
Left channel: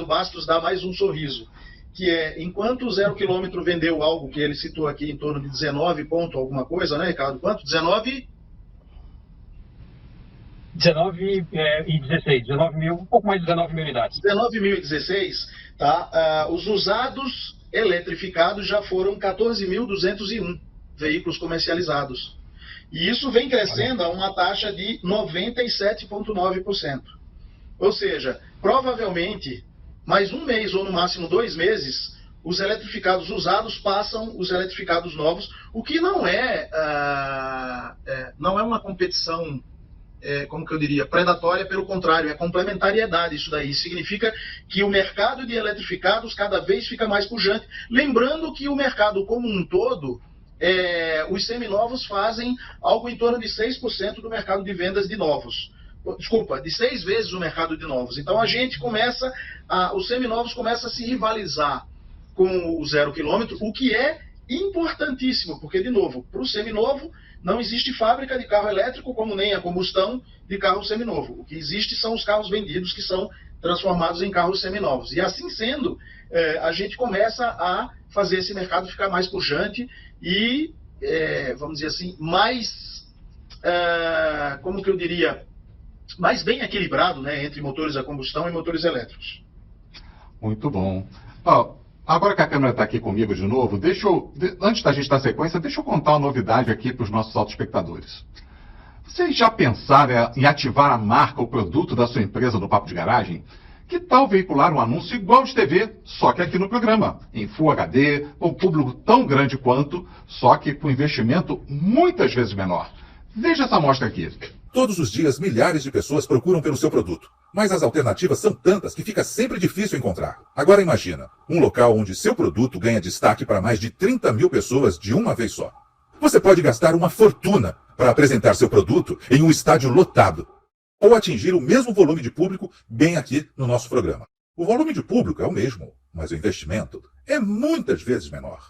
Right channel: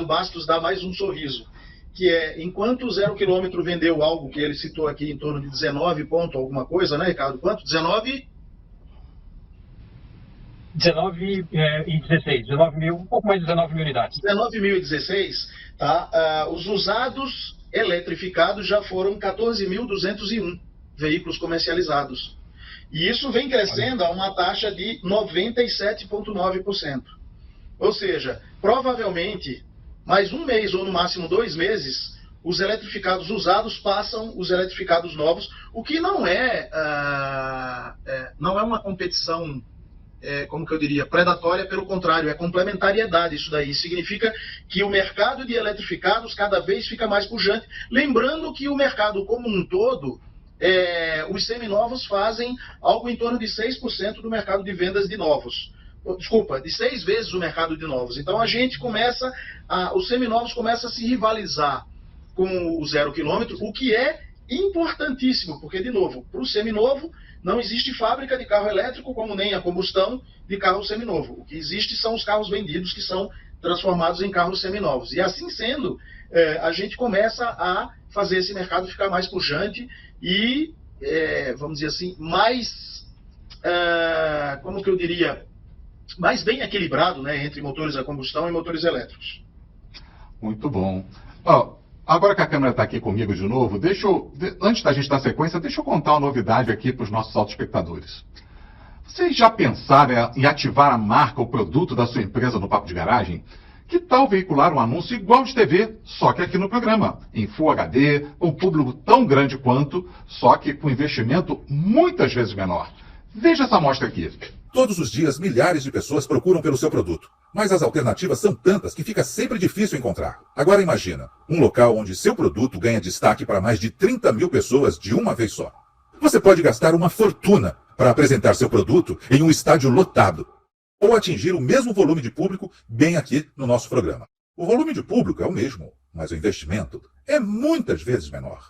Bastos dar mais um sorriso, que é, enquanto o 0 km vendeu algo que ele citou aqui em torno de 19 ponto alguma coisa, né, Ricardo? Quanto? 19 e 16, 19 mil, um pouco mais de 19 mil unidades. 19.016, tá? Os usados eletrificados já foram 14.201 veículos comercializados. E isso vem crescendo a uma taxa de 97,9%. Ou seja, provavelmente, mais um mês ou no máximo 2 meses, os eletrificados usados passam os eletrificados novos, o que não é uma competição, como que eu diria, predatória, pelo contrário, é complementariedade isso daí. Significa que o mercado de eletrificados cada vez fica mais pujante. Lembrando que o mercado como um todo, os seminovos fazem algo em torno de 6% do mercado de vendas de novos. Desculpa, de 6 vezes o mercado de novos. Então a gente os seminovos começam a se rivalizar com o 0 km, o que é importantíssimo, porque, de novo, para o seminovo não existe fábrica de carro elétrico, como nem a combustão de carro seminovo. O que existe são os carros vendidos que são transformados em carros seminovos. E assim sendo, a gente começa a fazer esse mercado ficar mais pujante e, vamos dizer assim, mais, como que eu diria, mais bem equilibrado, né, entre motores a combustão e motores elétricos. Muito bom. Agora que a câmera está aqui comigo de novo, antes da gente dar sequência, deixa eu contar uma novidade aqui para os nossos autoespectadores. Vocês já pensaram em ativar a marca ou produto da sua empresa no Papo de Garagem? Que tal veicular um anúncio igual de TV, só que aqui no programa, em Full HD, com um público tão grande quanto, só que com investimento muitas vezes menor? Veja essa amostra aqui. Todos os dias, milhares de pessoas procuram pelo seu produto. Mas as alternativas são tantas que fica sempre difícil encontrar. Agora imagina, um local onde seu produto ganha destaque para mais de 30 mil pessoas de uma vez só. Você pode gastar uma fortuna para apresentar seu produto em um estádio lotado, ou atingir o mesmo volume de público bem aqui no nosso programa. O volume de público é o mesmo, mas o investimento é muitas vezes menor.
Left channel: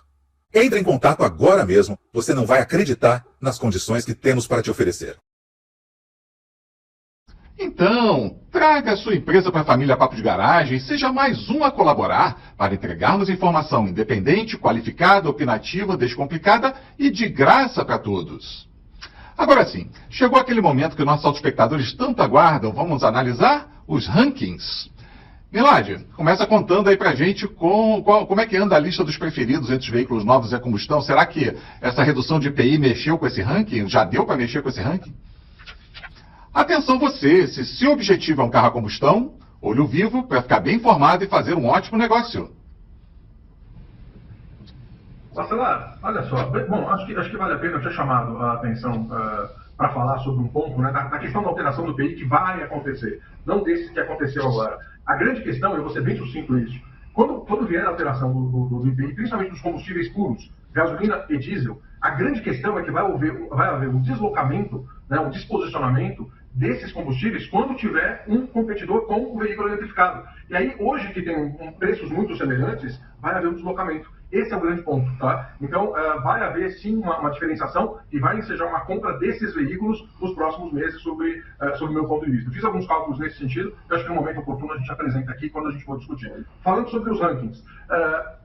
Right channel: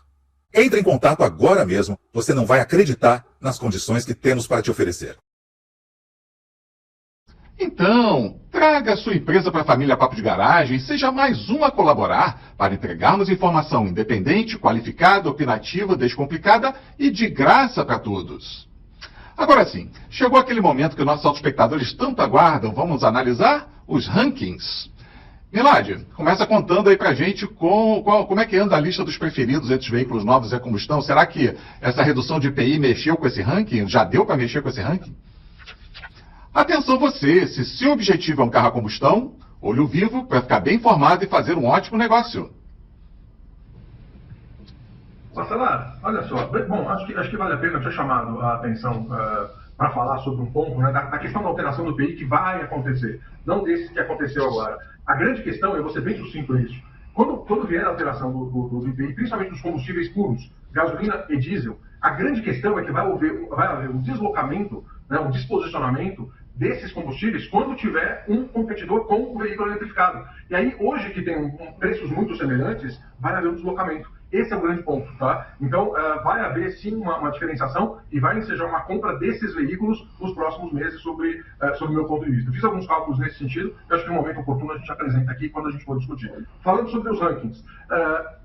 Entre em contato agora mesmo, você não vai acreditar nas condições que temos para te oferecer. Então, traga a sua empresa para a família Papo de Garagem e seja mais um a colaborar para entregarmos informação independente, qualificada, opinativa, descomplicada e de graça para todos. Agora sim, chegou aquele momento que nossos autoespectadores tanto aguardam. Vamos analisar os rankings. Milad, começa contando aí pra gente como é que anda a lista dos preferidos entre os veículos novos e a combustão. Será que essa redução de IPI mexeu com esse ranking? Já deu para mexer com esse ranking? Atenção você, se seu objetivo é um carro a combustão, olho vivo para ficar bem informado e fazer um ótimo negócio. Marcela, olha só, bom, acho que vale a pena, eu tinha chamado a atenção para falar sobre um ponto, né, da questão da alteração do IPI que vai acontecer, não desse que aconteceu agora. A grande questão, eu vou ser bem sucinto nisso, quando vier a alteração do IPI, principalmente dos combustíveis puros, gasolina e diesel, a grande questão é que vai haver um deslocamento, né, um disposicionamento desses combustíveis quando tiver um competidor com o veículo eletrificado. E aí, hoje que tem preços muito semelhantes, vai haver um deslocamento. Esse é o grande ponto, tá? Então, vai haver sim uma diferenciação e vai ensejar uma compra desses veículos nos próximos meses, sob o meu ponto de vista. Fiz alguns cálculos nesse sentido, que acho que no momento oportuno a gente apresenta aqui quando a gente for discutir. Falando sobre os rankings,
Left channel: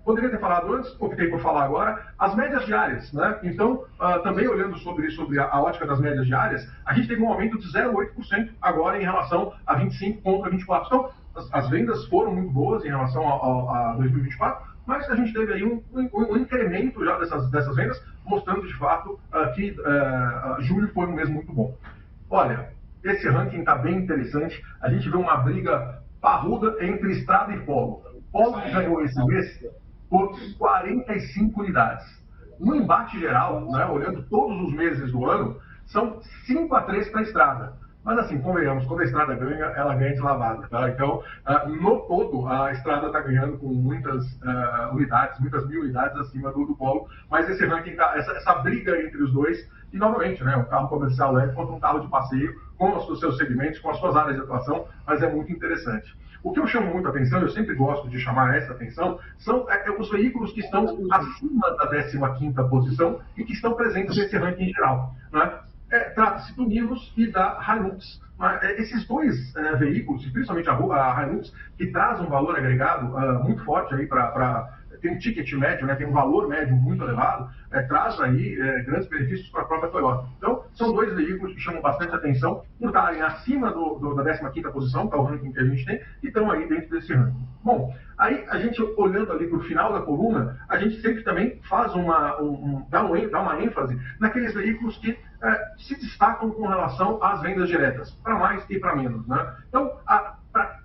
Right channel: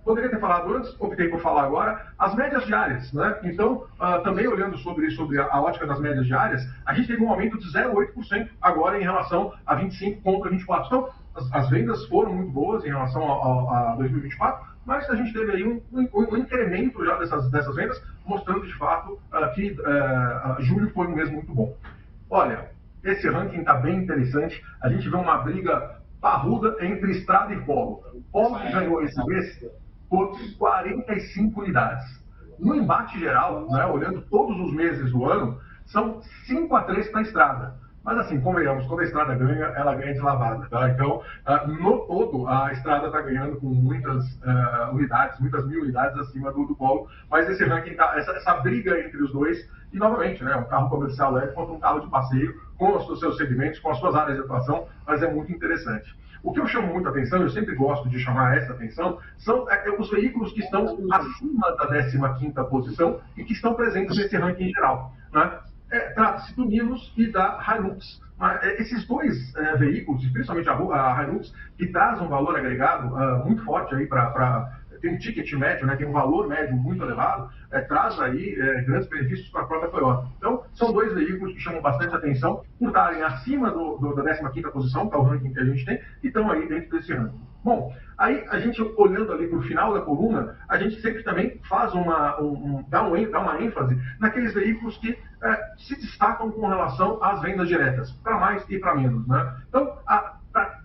poderia ter falado antes, optei por falar agora, as médias diárias, né? Então, também olhando sobre a ótica das médias diárias, a gente teve um aumento de 0,8% agora em relação a 25 contra 24. Então, as vendas foram muito boas em relação a 2024, mas a gente teve aí um incremento já dessas vendas, mostrando de fato que julho foi um mês muito bom. Olha, esse ranking está bem interessante. A gente vê uma briga parruda entre Estrada e Polo. O Polo ganhou esse mês por 45 unidades. no embate geral, né, olhando todos os meses do ano, são 5-3 para a estrada. Mas assim, convenhamos, quando a estrada ganha, ela ganha de lavada. Tá? Então, no todo, a estrada está ganhando com muitas unidades, muitas mil unidades acima do polo. Mas esse ranking, essa briga entre os dois, e novamente, né, um carro comercial leve contra um carro de passeio, com os seus segmentos, com as suas áreas de atuação, mas é muito interessante. O que eu chamo muito a atenção, eu sempre gosto de chamar essa atenção, são os veículos que estão acima da 15ª posição e que estão presentes nesse ranking geral. Né? Trata-se do Nivus e da Hilux. Esses dois veículos, principalmente a Hilux, que traz um valor agregado muito forte aí tem um ticket médio, né, tem um valor médio muito elevado, traz aí grandes benefícios para a própria Toyota. Então, são dois veículos que chamam bastante atenção por estarem acima da 15ª posição, que é o ranking que a gente tem, e estão aí dentro desse ranking. Bom, aí a gente olhando ali para o final da coluna, a gente sempre também faz dá uma ênfase naqueles veículos que se destacam com relação às vendas diretas, para mais e para menos. Né? Então,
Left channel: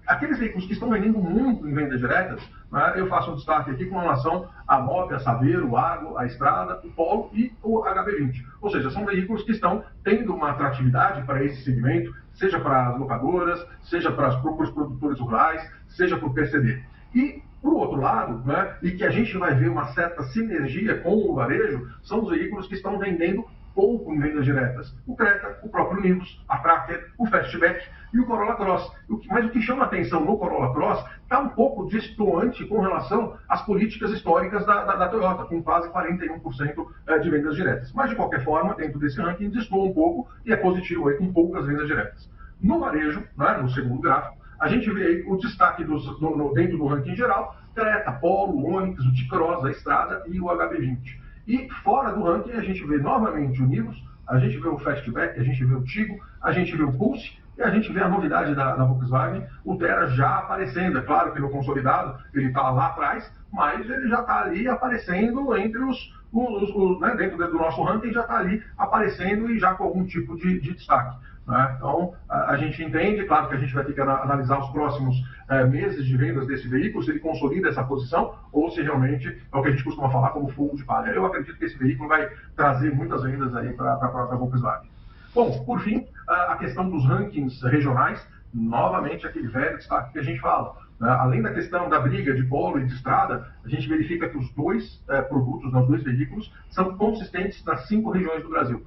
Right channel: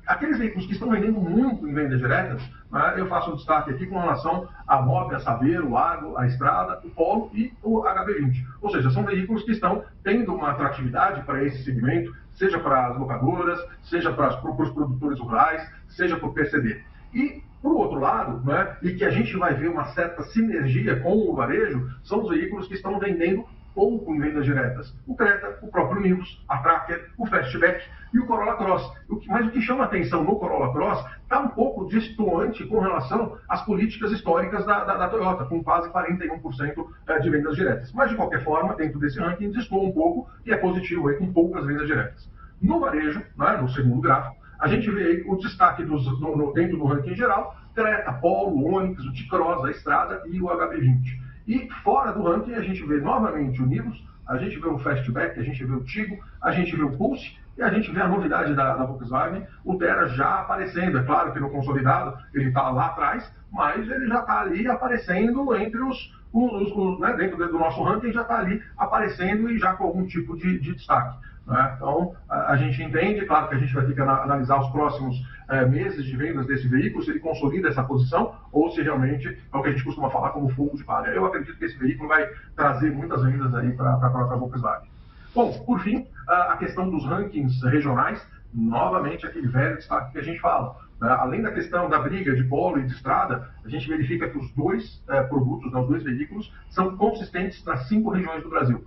aqueles veículos que estão vendendo muito em vendas diretas, né, eu faço um destaque aqui com relação à Mob, a Saveiro, o Argo, a Estrada, o Polo e o HB20. Ou seja, são veículos que estão tendo uma atratividade para esse segmento, seja para as locadoras, seja para os produtores rurais, seja para o PCD. E, por outro lado, né, e que a gente vai ver uma certa sinergia com o varejo, são os veículos que estão vendendo pouco em vendas diretas. O Creta, o próprio Nivus, a Tracker, o Fastback e o Corolla Cross. Mas o que chama atenção no Corolla Cross está um pouco destoante com relação às políticas históricas da Toyota, com quase 41% de vendas diretas. Mas, de qualquer forma, dentro desse ranking, destoa um pouco e é positivo aí, com poucas vendas diretas. No varejo, né, no segundo gráfico, a gente vê aí o destaque dentro do ranking geral, Creta, Polo, Onix, o T-Cross, a Estrada e o HB20. E fora do ranking, a gente vê novamente o Nivus, a gente vê o Fastback, a gente vê o Tigo, a gente vê o Pulse e a gente vê a novidade da Volkswagen, o Terra já aparecendo. É claro que no consolidado ele está lá atrás, mas ele já está ali aparecendo entre né, dentro do nosso ranking, já está ali aparecendo e já com algum tipo de destaque. Né? Então, a gente entende, claro que a gente vai ter que analisar os próximos meses de vendas desse veículo, se ele consolida essa posição ou se realmente é o que a gente costuma falar como fogo de palha. Eu acredito que esse veículo vai trazer muitas vendas aí para a própria Volkswagen. Bom, por fim, a questão dos rankings regionais, novamente aquele velho destaque que a gente fala. Né? Além da questão da briga de polo e de estrada, a gente verifica que os dois produtos, os dois veículos, são consistentes nas 5 regiões do Brasil.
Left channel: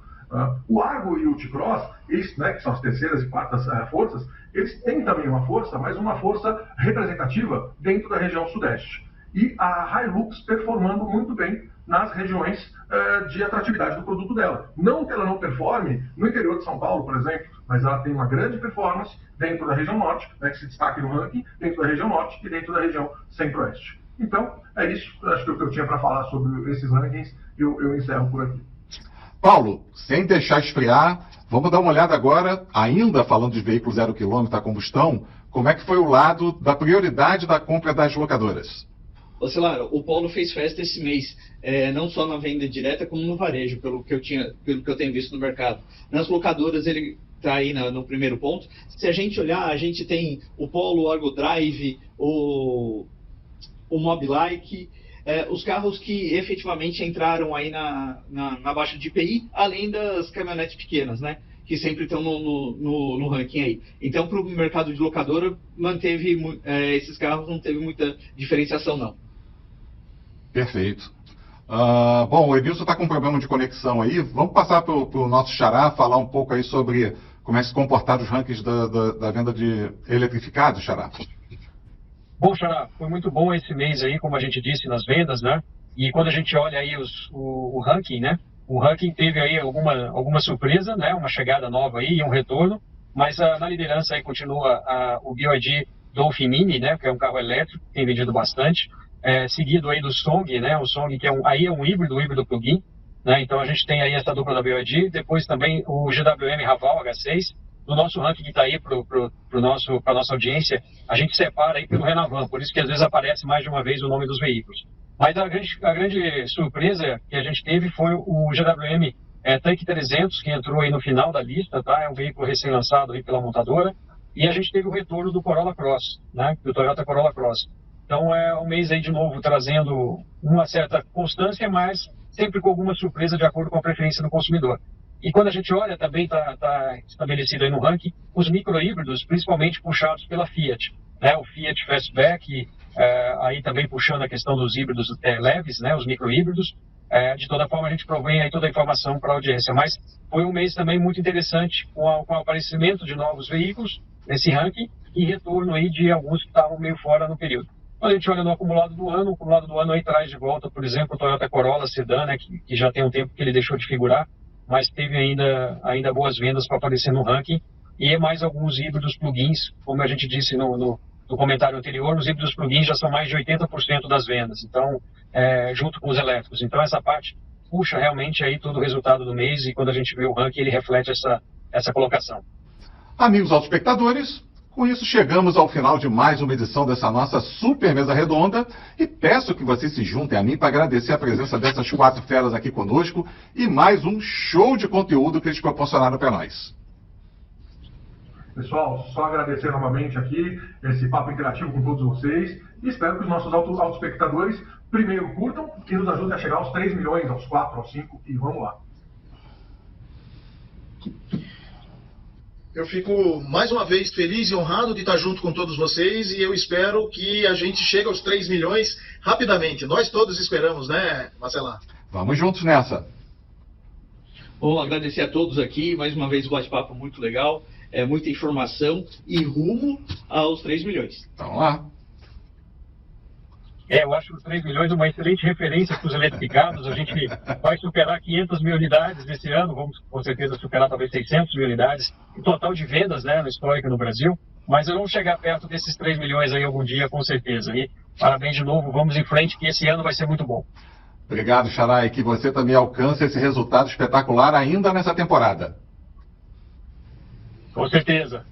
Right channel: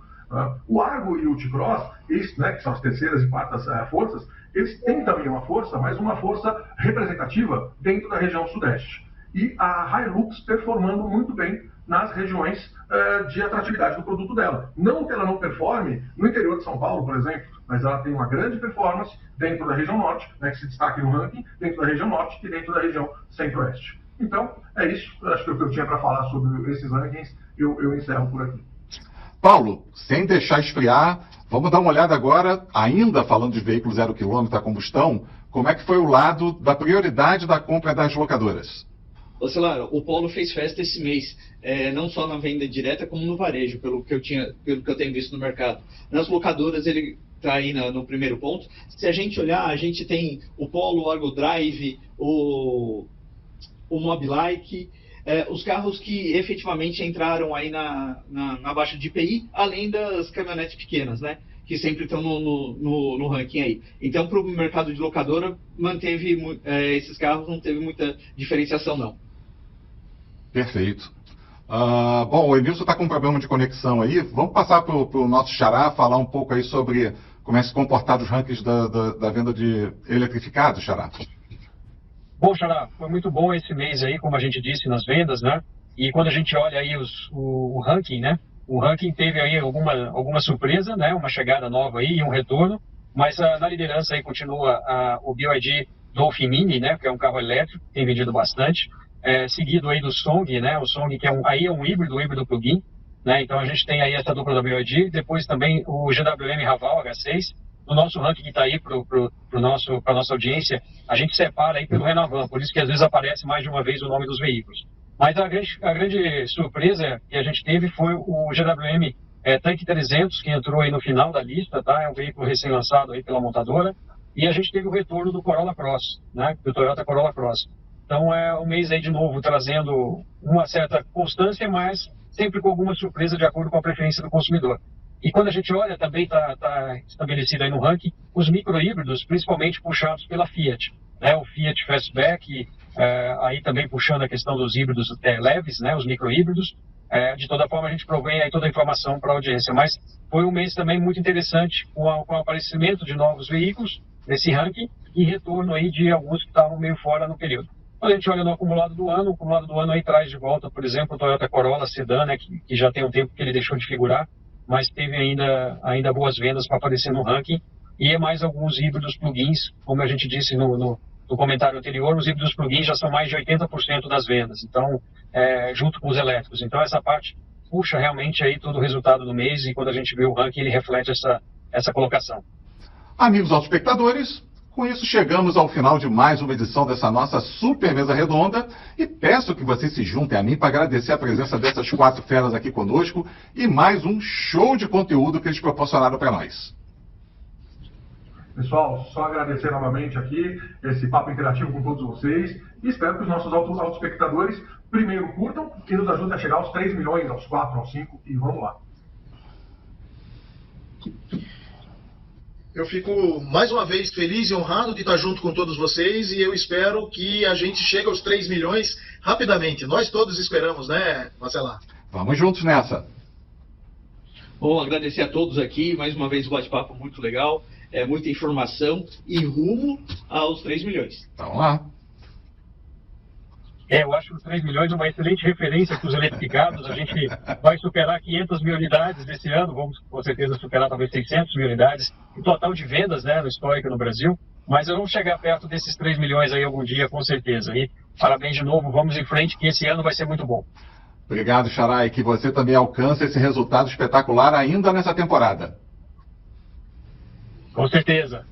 O Argo e o T-Cross, eles, né, que são as terceiras e quartas forças, eles têm também uma força, mas uma força representativa dentro da região sudeste. E a Hilux performando muito bem nas regiões de atratividade do produto dela. Não que ela não performe no interior de São Paulo, por exemplo, mas ela tem uma grande performance dentro da região norte, né, que se destaca no ranking, dentro da região norte e dentro da região centro-oeste. Então, é isso. Acho que o que eu tinha para falar sobre esses rankings, eu encerro por aqui. Paulo, sem deixar esfriar, vamos dar uma olhada agora, ainda falando de veículos 0 km a combustão, como é que foi o lado da prioridade da compra das locadoras? Ô Celaro, o Polo fez festa esse mês, não só na venda direta, como no varejo, pelo que eu tenho visto no mercado. Nas locadoras ele está aí no primeiro ponto. Se a gente olhar, a gente tem o Polo, o Argo Drive, o Mobilike, os carros que efetivamente entraram aí na baixa de IPI, além das caminhonetes pequenas, né? Que sempre estão no ranking aí. Então, para o mercado de locadora, esses carros não teve muita diferenciação, não. Perfeito. Bom, o Edilson está com um problema de conexão aí. Vamos passar para o nosso xará, falar um pouco aí sobre como é que se comportaram os rankings da venda de eletrificados, xará. Bom, Xará, foi muito bom esse mês aí, como a gente disse, nas vendas, né? E quando a gente olha aí o ranking, né? O ranking teve aí alguma surpresa, né? Uma chegada nova aí, um retorno, mas na liderança aí continua o BYD Dolphin Mini, né? Que é um carro elétrico, tem vendido bastante, seguido aí do Song, né? O Song que é um híbrido plug-in, né? Então a gente tem aí essa dupla da BYD, depois também o GWM Raval H6. No nosso ranking que está aí para a nossa audiência, a gente separa aí pelo Renavan, por isso que às vezes aparece mais de uma vez o nome dos veículos. Mas a grande surpresa que a gente teve foi o GWM Tank 300, que entrou aí no final da lista, tá? É um veículo recém-lançado aí pela montadora. E a gente teve o retorno do Corolla Cross, né? Do Toyota Corolla Cross. Então é um mês aí de novo trazendo uma certa constância, mas sempre com alguma surpresa de acordo com a preferência do consumidor. E quando a gente olha, também está estabelecido aí no ranking, os micro-híbridos, principalmente puxados pela Fiat, né? O Fiat Fastback, aí também puxando a questão dos híbridos leves, né? Os micro-híbridos. De toda forma, a gente provém aí toda a informação para a audiência. Mas foi um mês também muito interessante com o aparecimento de novos veículos nesse ranking e retorno aí de alguns que estavam meio fora no período. Quando a gente olha no acumulado do ano, o acumulado do ano aí traz de volta, por exemplo, o Toyota Corolla Sedan, né? Que já tem um tempo que ele deixou de figurar, mas teve ainda boas vendas para aparecer no ranking, e mais alguns híbridos plugins, como a gente disse no comentário anterior, os híbridos plugins já são mais de 80% das vendas, então, junto com os elétricos. Então, essa parte puxa realmente aí todo o resultado do mês, e quando a gente vê o ranking, ele reflete essa colocação. Amigos autoespectadores, com isso chegamos ao final de mais uma edição dessa nossa super mesa redonda e peço que vocês se juntem a mim para agradecer a presença dessas 4 feras aqui conosco e mais um show de conteúdo que eles proporcionaram para nós. Pessoal, só agradecer novamente aqui esse papo interativo com todos vocês e espero que os nossos autoespectadores primeiro curtam e nos ajudem a chegar aos 3 milhões, aos 4, aos 5 e vamos lá. Eu fico mais uma vez feliz e honrado de estar junto com todos vocês e eu espero que a gente chegue aos 3 milhões rapidamente. Nós todos esperamos, né, Marcela? Vamos juntos nessa. Bom, agradecer a todos aqui, mais uma vez um bate-papo muito legal, muita informação e rumo aos 3 milhões. Vamos lá. Eu acho os 3 milhões uma excelente referência para os eletrificados. A gente vai superar 500 mil unidades nesse ano, vamos com certeza superar talvez 600 mil unidades em total de vendas, né, no histórico no Brasil. Mas eu vou chegar perto desses 3 milhões aí algum dia, com certeza. E parabéns de novo, vamos em frente, que esse ano vai ser muito bom. Obrigado, Xará, e que você também alcance esse resultado espetacular ainda nessa temporada. Com certeza.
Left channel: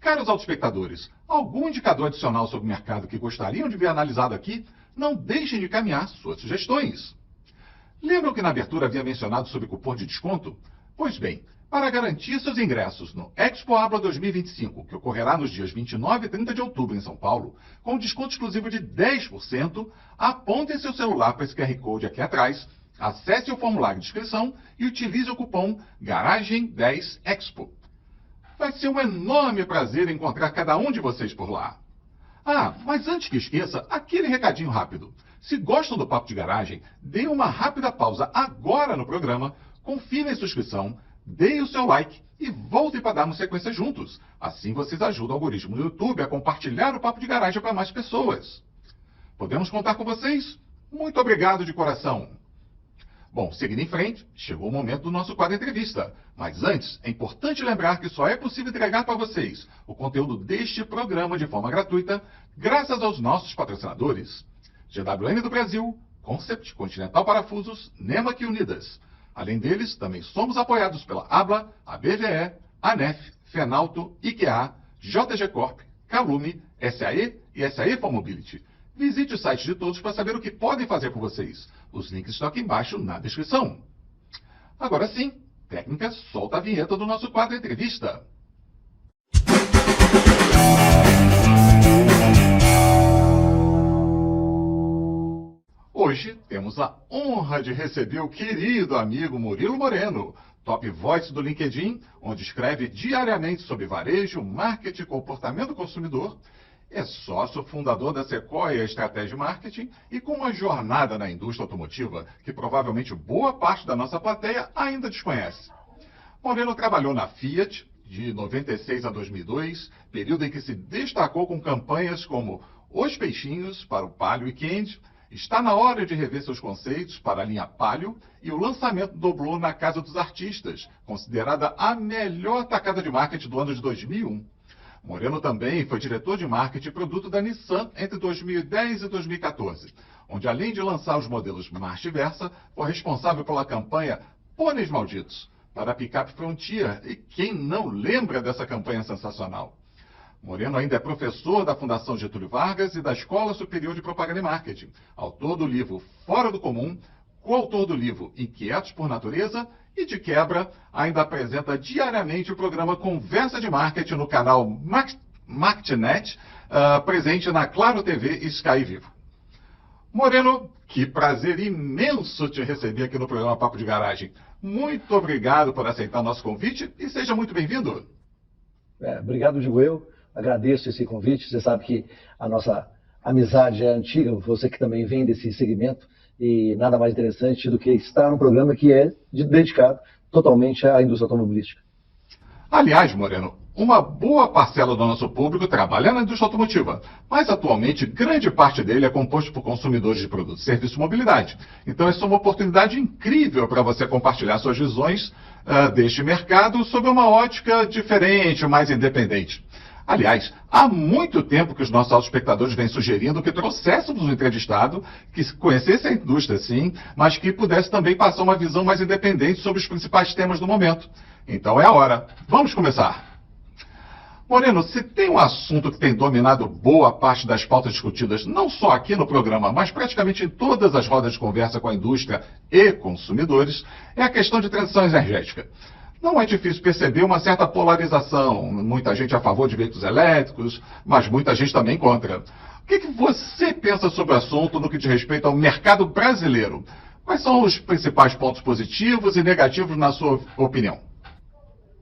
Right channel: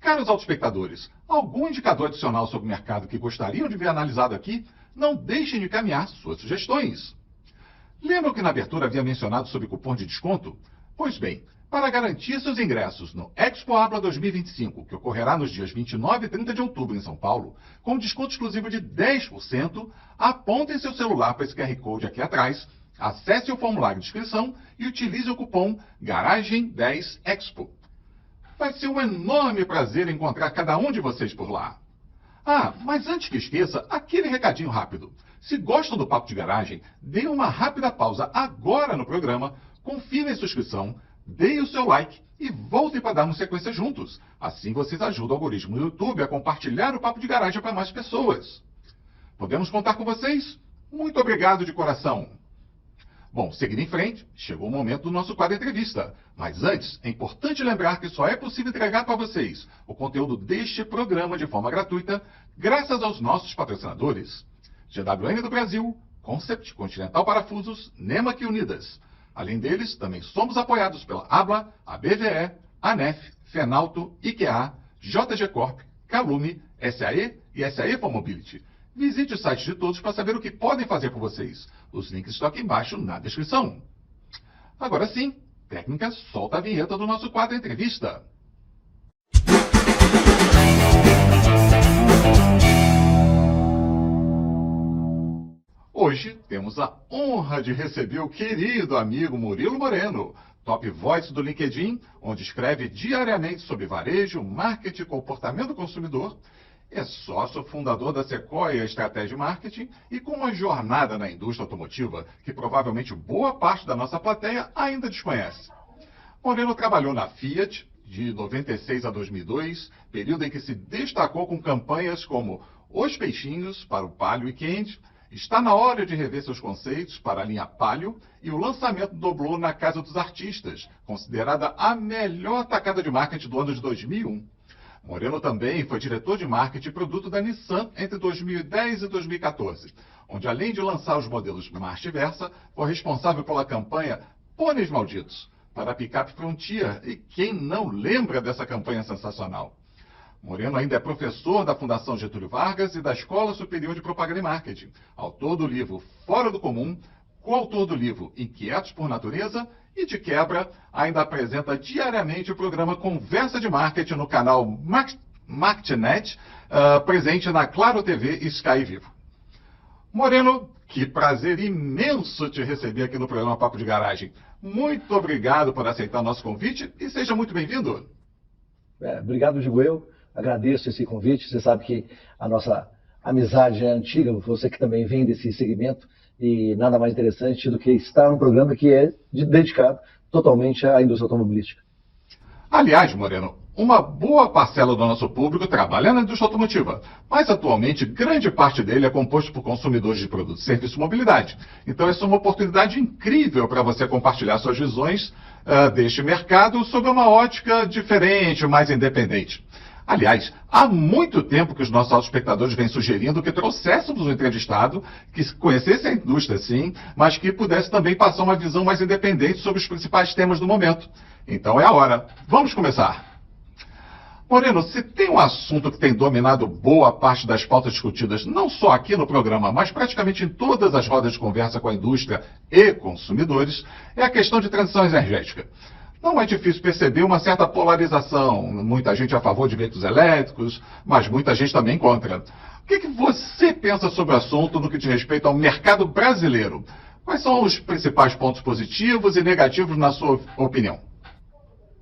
Caros autoespectadores, algum indicador adicional sobre o mercado que gostariam de ver analisado aqui? Não deixem de encaminhar suas sugestões. Lembram que na abertura havia mencionado sobre cupom de desconto? Pois bem, para garantir seus ingressos no Expo Abra 2025, que ocorrerá nos dias 29 e 30 de outubro em São Paulo, com desconto exclusivo de 10%, apontem seu celular para esse QR Code aqui atrás, acesse o formulário de inscrição e utilize o cupom GARAGEM10EXPO. Vai ser um enorme prazer encontrar cada um de vocês por lá. Ah, mas antes que esqueça, aquele recadinho rápido. Se gostam do Papo de Garagem, dê uma rápida pausa agora no programa, confirme a sua inscrição, dê o seu like e voltem para darmos sequência juntos. Assim vocês ajudam o algoritmo do YouTube a compartilhar o Papo de Garagem para mais pessoas. Podemos contar com vocês? Muito obrigado de coração. Bom, seguindo em frente, chegou o momento do nosso quadro entrevista. Mas antes, é importante lembrar que só é possível entregar para vocês o conteúdo deste programa de forma gratuita, graças aos nossos patrocinadores. GWM do Brasil, Concept, Continental Parafusos, Nemac Unidas. Além deles, também somos apoiados pela ABLA, a BVE, ANEF, Fenalto, IKEA, JG Corp, Calume, SAE e SAE for Mobility. Visite o site de todos para saber o que podem fazer por vocês. Os links estão aqui embaixo na descrição. Agora sim, técnica, solta a vinheta do nosso quadro entrevista. Hoje temos a honra de receber o querido amigo Murilo Moreno, top voice do LinkedIn, onde escreve diariamente sobre varejo, marketing e comportamento do consumidor. É sócio fundador da Sequoia Estratégia Marketing e com uma jornada na indústria automotiva que provavelmente boa parte da nossa plateia ainda desconhece. Moreno trabalhou na Fiat de 96 a 2002, período em que se destacou com campanhas como Os Peixinhos para o Palio e Candy, Está na hora de rever seus conceitos para a linha Palio e o lançamento do Blue na Casa dos Artistas, considerada a melhor tacada de marketing do ano de 2001. Moreno também foi diretor de marketing e produto da Nissan entre 2010 e 2014, onde além de lançar os modelos Marcha e Versa, foi responsável pela campanha Pôneis Malditos, para a picape Frontier, e quem não lembra dessa campanha sensacional? Moreno ainda é professor da Fundação Getúlio Vargas e da Escola Superior de Propaganda e Marketing, autor do livro Fora do Comum, coautor do livro Inquietos por Natureza e, de quebra, ainda apresenta diariamente o programa Conversa de Marketing no canal Marketnet, presente na Claro TV e Sky Vivo. Moreno, Que prazer imenso te receber aqui no programa Papo de Garagem. Muito obrigado por aceitar nosso convite e seja muito bem-vindo. Obrigado, digo eu. Agradeço esse convite. Você sabe que a nossa amizade é antiga, você que também vem desse segmento, e nada mais interessante do que estar num programa que é dedicado totalmente à indústria automobilística. Aliás, Moreno, uma boa parcela do nosso público trabalha na indústria automotiva, mas atualmente grande parte dele é composto por consumidores de produtos, serviços e mobilidade. Então essa é uma oportunidade incrível para você compartilhar suas visões deste mercado sob uma ótica diferente, mais independente. Aliás, há muito tempo que os nossos espectadores vêm sugerindo que trouxéssemos um entrevistado que conhecesse a indústria, sim, mas que pudesse também passar uma visão mais independente sobre os principais temas do momento. Então é a hora. Vamos começar. Moreno, se tem um assunto que tem dominado boa parte das pautas discutidas, não só aqui no programa, mas praticamente em todas as rodas de conversa com a indústria e consumidores, é a questão de transição energética. Não é difícil perceber uma certa polarização. Muita gente a favor de veículos elétricos, mas muita gente também contra. O que você pensa sobre o assunto no que diz respeito ao mercado brasileiro? Quais são os principais pontos positivos e negativos na sua opinião?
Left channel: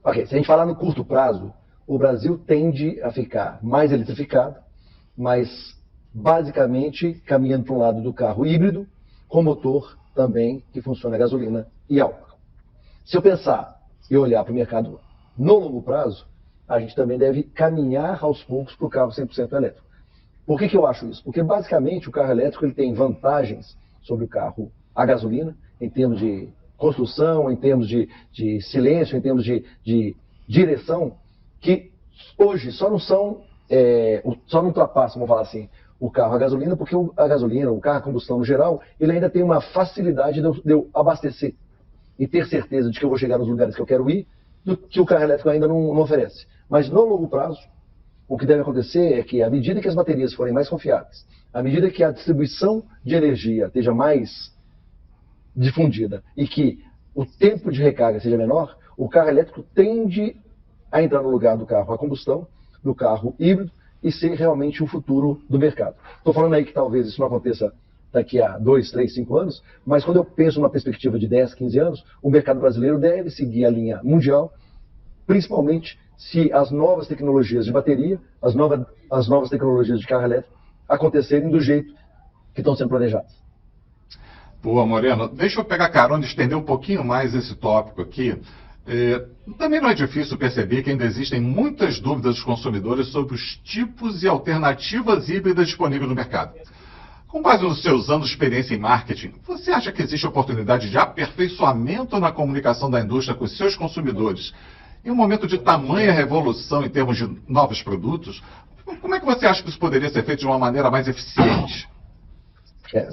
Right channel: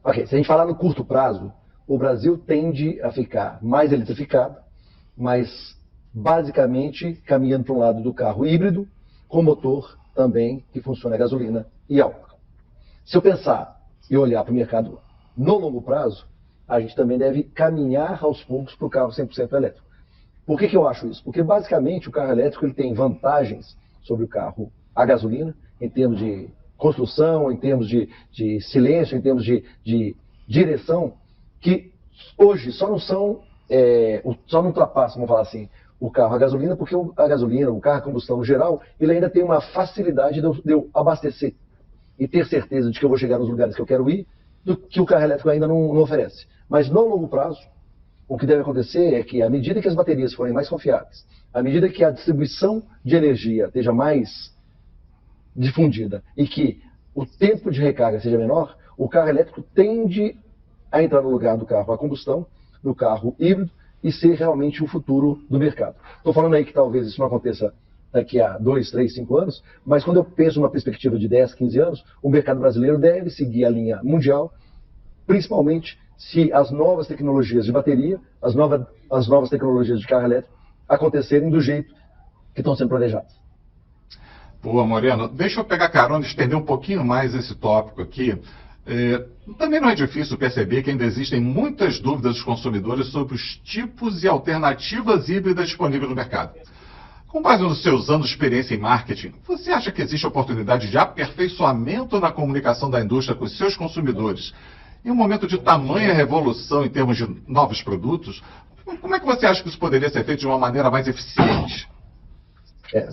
Ok, se a gente falar no curto prazo, o Brasil tende a ficar mais eletrificado, mas basicamente caminhando para um lado do carro híbrido, com motor também que funciona a gasolina e álcool. Se eu pensar e olhar para o mercado no longo prazo, a gente também deve caminhar aos poucos para o carro 100% elétrico. Por que eu acho isso? Porque basicamente o carro elétrico ele tem vantagens sobre o carro a gasolina, em termos de construção, em termos de silêncio, em termos de direção, que hoje só não ultrapassam, vamos falar assim, o carro a gasolina, porque a gasolina, o carro a combustão no geral, ele ainda tem uma facilidade de eu abastecer e ter certeza de que eu vou chegar nos lugares que eu quero ir, do que o carro elétrico ainda não oferece. Mas no longo prazo, o que deve acontecer é que, à medida que as baterias forem mais confiáveis, à medida que a distribuição de energia esteja mais difundida e que o tempo de recarga seja menor, o carro elétrico tende a entrar no lugar do carro a combustão, do carro híbrido, e ser realmente o futuro do mercado. Estou falando aí que talvez isso não aconteça daqui a 2, 3, 5 anos, mas quando eu penso numa perspectiva de 10, 15 anos, o mercado brasileiro deve seguir a linha mundial, principalmente se as novas tecnologias de bateria, as novas tecnologias de carro elétrico acontecerem do jeito que estão sendo planejadas. Boa, Moreno. Deixa eu pegar carona e estender um pouquinho mais esse tópico aqui. Também não é difícil perceber que ainda existem muitas dúvidas dos consumidores sobre os tipos e alternativas híbridas disponíveis no mercado. Com base nos seus anos de experiência em marketing, você acha que existe oportunidade de aperfeiçoamento na comunicação da indústria com os seus consumidores em um momento de tamanha revolução em termos de novos produtos? Como é que você acha que isso poderia ser feito de uma maneira mais eficiente?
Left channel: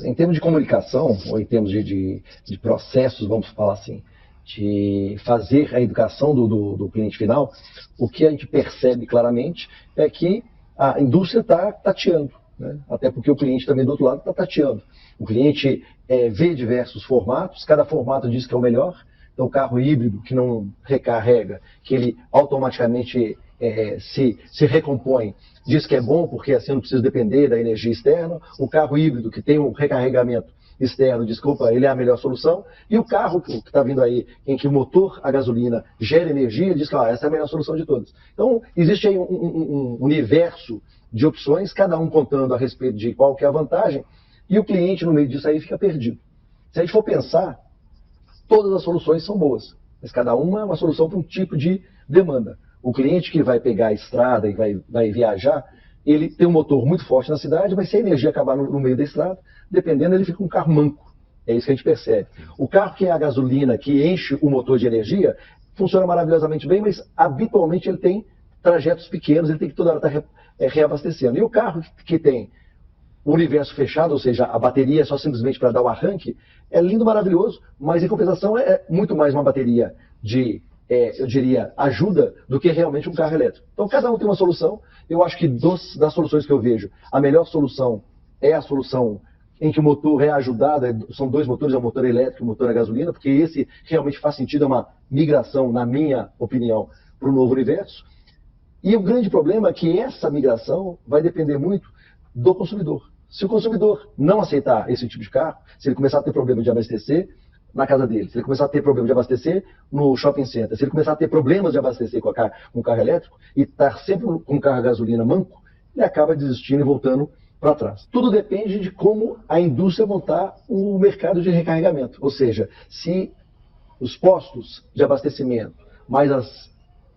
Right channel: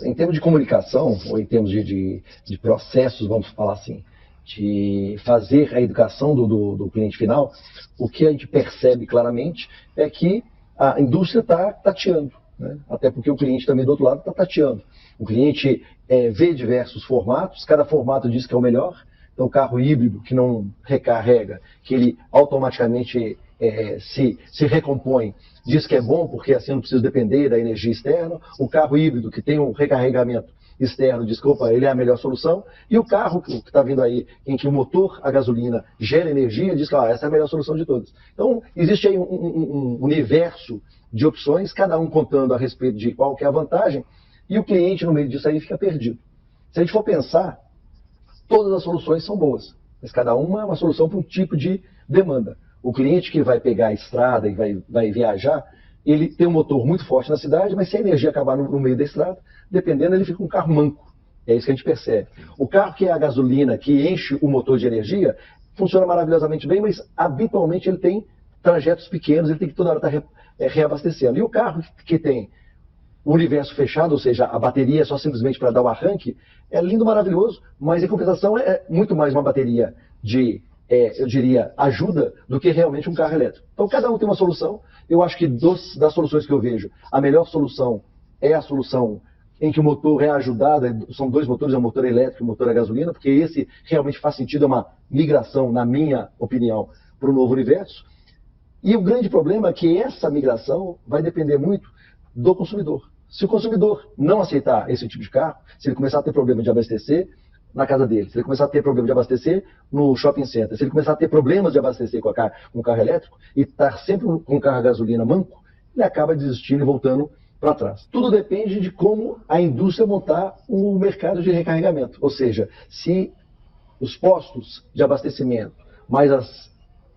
Em termos de comunicação, ou em termos de processos, vamos falar assim, de fazer a educação do cliente final, o que a gente percebe claramente é que a indústria está tateando. Né? Até porque o cliente também do outro lado está tateando. O cliente vê diversos formatos, cada formato diz que é o melhor. Então, o carro híbrido que não recarrega, que ele automaticamente se recompõe, diz que é bom porque assim eu não preciso depender da energia externa. O carro híbrido que tem um recarregamento externo diz que ele é a melhor solução. E o carro que está vindo aí, em que o motor a gasolina gera energia, diz que essa é a melhor solução de todas. Então, existe aí um universo de opções, cada um contando a respeito de qual que é a vantagem, e o cliente no meio disso aí fica perdido. Se a gente for pensar, todas as soluções são boas, mas cada uma é uma solução para um tipo de demanda. O cliente que vai pegar a estrada e vai viajar, ele tem um motor muito forte na cidade, mas se a energia acabar no meio da estrada, dependendo, ele fica um carro manco. É isso que a gente percebe. O carro que é a gasolina, que enche o motor de energia, funciona maravilhosamente bem, mas habitualmente ele tem trajetos pequenos, ele tem que toda hora estar reabastecendo. E o carro que tem o universo fechado, ou seja, a bateria é só simplesmente para dar o arranque, é lindo, maravilhoso, mas em compensação é muito mais uma bateria de, eu diria, ajuda do que realmente um carro elétrico. Então cada um tem uma solução. Eu acho que das soluções que eu vejo, a melhor solução é a solução em que o motor é ajudado, são dois motores, é o motor elétrico e o motor a gasolina, porque esse realmente faz sentido, é uma migração, na minha opinião, para o novo universo. E o grande problema é que essa migração vai depender muito do consumidor. Se o consumidor não aceitar esse tipo de carro, se ele começar a ter problema de abastecer na casa dele, se ele começar a ter problema de abastecer no shopping center, se ele começar a ter problemas de abastecer com o carro elétrico e estar sempre com o carro a gasolina manco, ele acaba desistindo e voltando para trás. Tudo depende de como a indústria montar o mercado de recarregamento. Ou seja, se os postos de abastecimento, mais as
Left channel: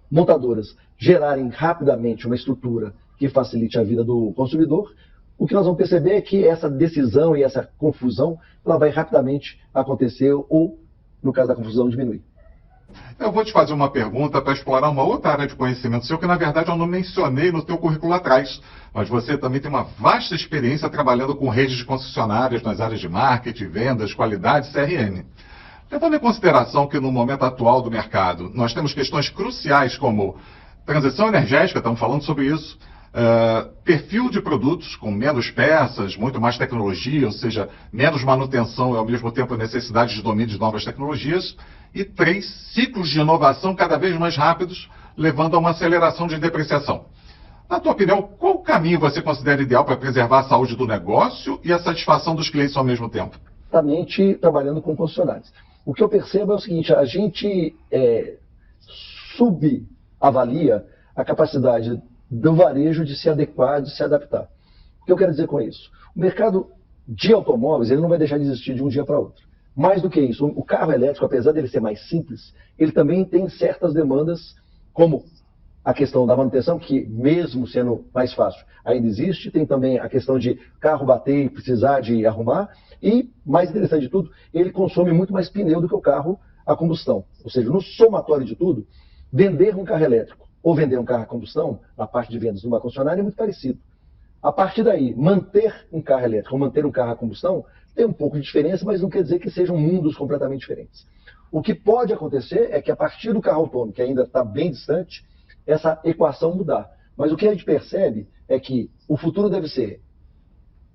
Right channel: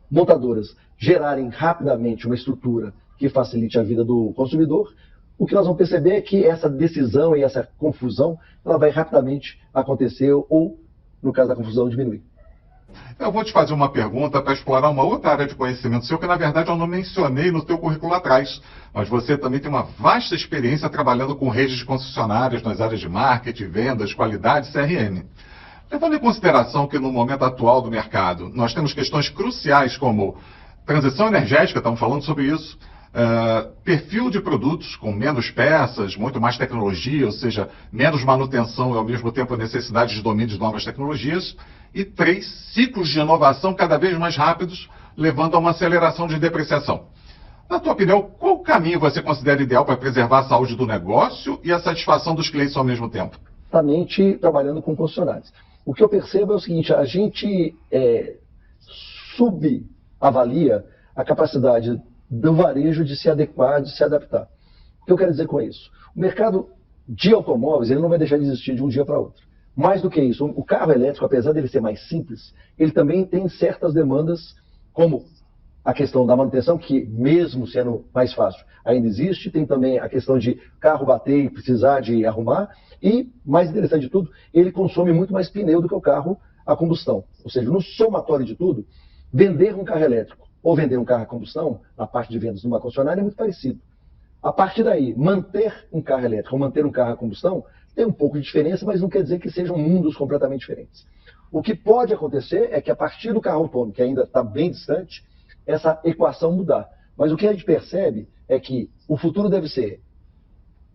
montadoras, gerarem rapidamente uma estrutura que facilite a vida do consumidor, o que nós vamos perceber é que essa decisão e essa confusão ela vai rapidamente acontecer ou, no caso da confusão, diminuir. Eu vou te fazer uma pergunta para explorar uma outra área de conhecimento seu, que na verdade eu não mencionei no teu currículo atrás, mas você também tem uma vasta experiência trabalhando com redes de concessionárias nas áreas de marketing, vendas, qualidade e CRM. Levando em consideração que no momento atual do mercado nós temos questões cruciais como transição energética, estamos falando sobre isso, perfil de produtos com menos peças, muito mais tecnologia, ou seja, menos manutenção e ao mesmo tempo necessidade de domínio de novas tecnologias, e 3, ciclos de inovação cada vez mais rápidos, levando a uma aceleração de depreciação. Na tua opinião, qual caminho você considera ideal para preservar a saúde do negócio e a satisfação dos clientes ao mesmo tempo? Exatamente trabalhando com concessionários. O que eu percebo é o seguinte, a gente subavalia a capacidade do varejo de se adequar, de se adaptar. O que eu quero dizer com isso? O mercado de automóveis ele não vai deixar de existir de um dia para outro. Mais do que isso, o carro elétrico, apesar dele ser mais simples, ele também tem certas demandas, como a questão da manutenção, que mesmo sendo mais fácil, ainda existe. Tem também a questão de carro bater e precisar de arrumar. E, mais interessante de tudo, ele consome muito mais pneu do que o carro a combustão. Ou seja, no somatório de tudo, vender um carro elétrico ou vender um carro a combustão, na parte de vendas numa concessionária, é muito parecido. A partir daí, manter um carro elétrico ou manter um carro a combustão tem um pouco de diferença, mas não quer dizer que sejam mundos completamente diferentes. O que pode acontecer é que a partir do carro autônomo, que ainda está bem distante, essa equação mudar. Mas o que a gente percebe é que o futuro deve ser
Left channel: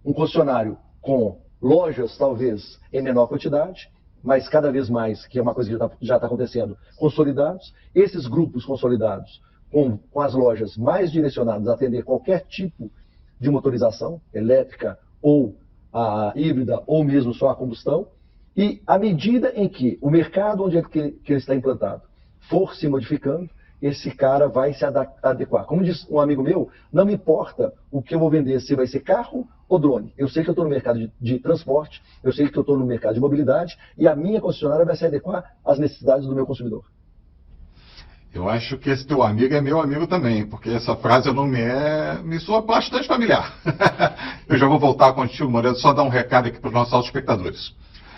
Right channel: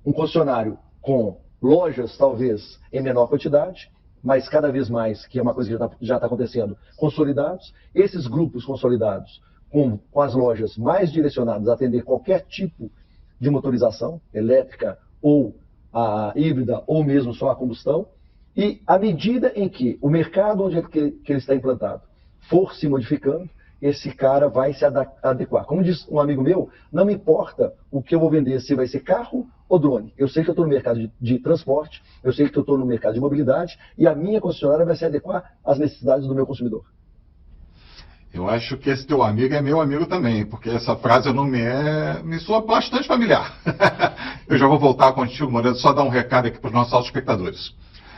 um concessionário com lojas, talvez, em menor quantidade, mas cada vez mais, que é uma coisa que já está acontecendo, consolidados. Esses grupos consolidados, com as lojas mais direcionadas a atender qualquer tipo de motorização, elétrica ou a híbrida, ou mesmo só a combustão. E à medida em que o mercado onde ele está implantado for se modificando, esse cara vai se adequar. Como diz um amigo meu, não me importa o que eu vou vender, se vai ser carro ou drone. Eu sei que eu estou no mercado de transporte, eu sei que eu estou no mercado de mobilidade, e a minha concessionária vai se adequar às necessidades do meu consumidor. Eu acho que esse teu amigo é meu amigo também, porque essa frase não me soa bastante familiar. Eu já vou voltar contigo, Moreno, só dar um recado aqui para os nossos espectadores.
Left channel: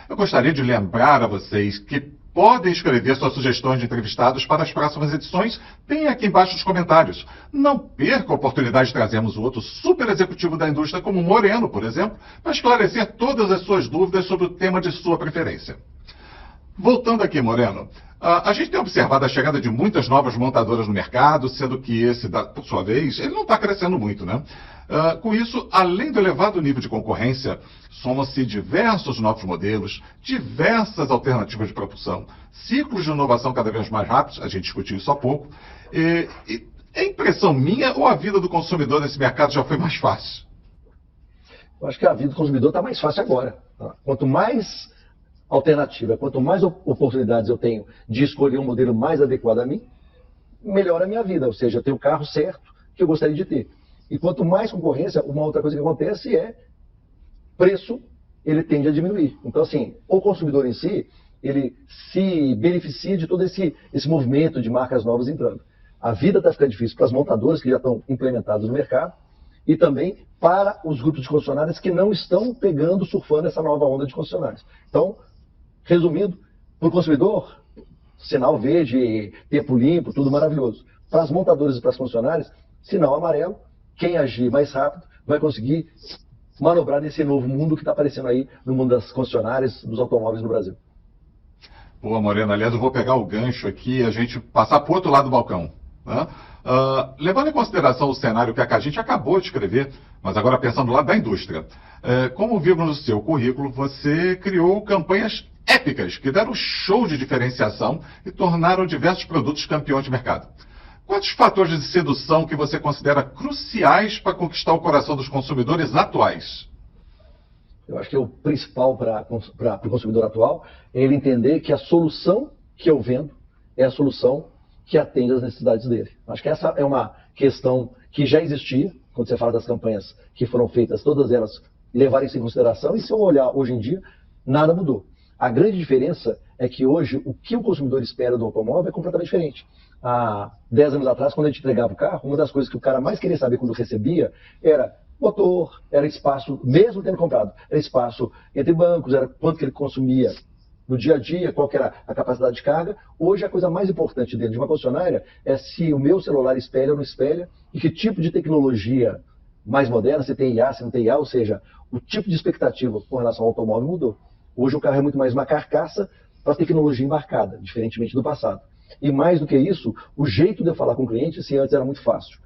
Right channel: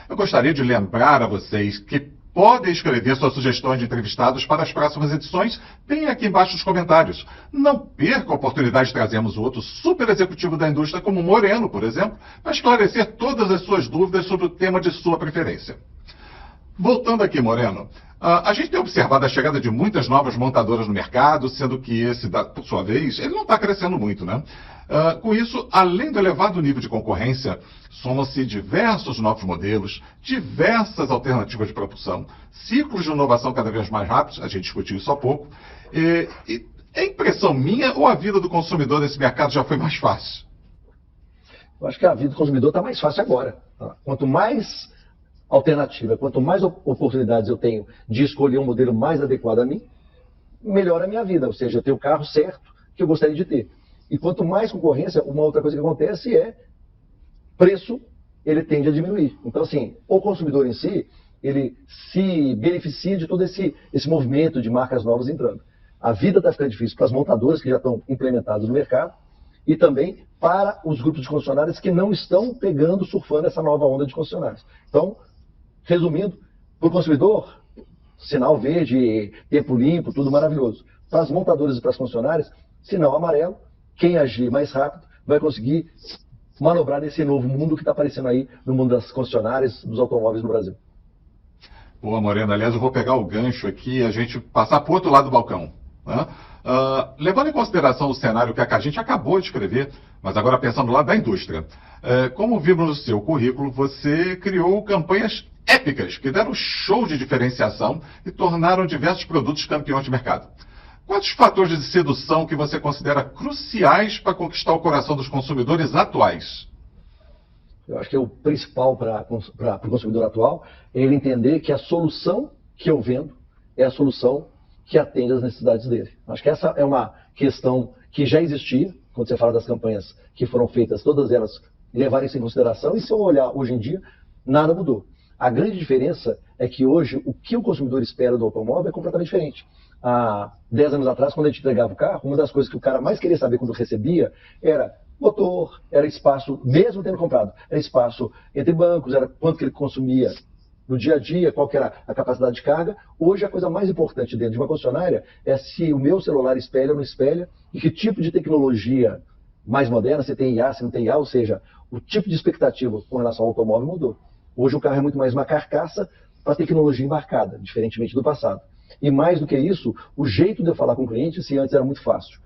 Eu gostaria de lembrar a vocês que podem escrever suas sugestões de entrevistados para as próximas edições. Tem aqui embaixo os comentários. Não perca a oportunidade de trazermos outro super executivo da indústria, como Moreno, por exemplo, para esclarecer todas as suas dúvidas sobre o tema de sua preferência. Voltando aqui, Moreno, a gente tem observado a chegada de muitas novas montadoras no mercado, sendo que esse, por sua vez, ele não está crescendo muito, né? Com isso, além do elevado nível de concorrência, somam-se diversos novos modelos, diversas alternativas de propulsão, ciclos de inovação cada vez mais rápidos, a gente discutiu isso há pouco, é impressão minha ou a vida do consumidor nesse mercado já foi mais fácil? Eu acho que a vida do consumidor está mais fácil agora. Quanto mais alternativa, quanto mais oportunidades eu tenho de escolher um modelo mais adequado a mim, melhora a minha vida. Ou seja, eu tenho o carro certo que eu gostaria de ter. E quanto mais concorrência, uma outra coisa que acontece é preço, ele tende a diminuir. Então, assim, o consumidor em si, ele se beneficia de todo esse movimento de marcas novas entrando. A vida está ficando difícil para as montadoras que já estão implementadas no mercado e também para os grupos de concessionárias que não estão surfando essa nova onda de concessionárias. Então, resumindo, para o consumidor, sinal verde, tempo limpo, tudo maravilhoso. Para as montadoras e para as concessionárias, sinal amarelo. Quem agir mais rápido vai conseguir manobrar nesse novo mundo que está aparecendo aí no mundo das concessionárias, dos automóveis no Brasil. Boa, Moreno. Aliás, eu vou pegar o gancho aqui e a gente passar para o outro lado do balcão. Né? Levando em consideração o cenário que a gente acabou de escrever, mas agora pensando no lado da indústria. Como vimos no seu currículo, você criou campanhas épicas que deram show de diferenciação e tornaram diversos produtos campeões de mercado. Quais os fatores de sedução que você considera cruciais para conquistar o coração dos consumidores atuais? Eu acho que é o principal para o consumidor atual, é ele entender que a solução que eu vendo é a solução que atende às necessidades dele. Acho que essa é uma questão que já existia, quando você fala das campanhas que foram feitas, todas elas levaram isso em consideração, e se eu olhar hoje em dia, nada mudou. A grande diferença é que hoje o que o consumidor espera do automóvel é completamente diferente. Há 10 anos atrás, quando a gente entregava o carro, uma das coisas que o cara mais queria saber quando recebia era motor, era espaço, mesmo tendo comprado, era espaço entre bancos, era quanto que ele consumia no dia a dia, qual que era a capacidade de carga. Hoje a coisa mais importante dentro de uma concessionária é se o meu celular espelha ou não espelha, e que tipo de tecnologia mais moderna, se tem IA, se não tem IA, ou seja, o tipo de expectativa com relação ao automóvel mudou. Hoje o carro é muito mais uma carcaça para tecnologia embarcada, diferentemente do passado. E mais do que isso, o jeito de eu falar com o cliente, se antes era muito fácil,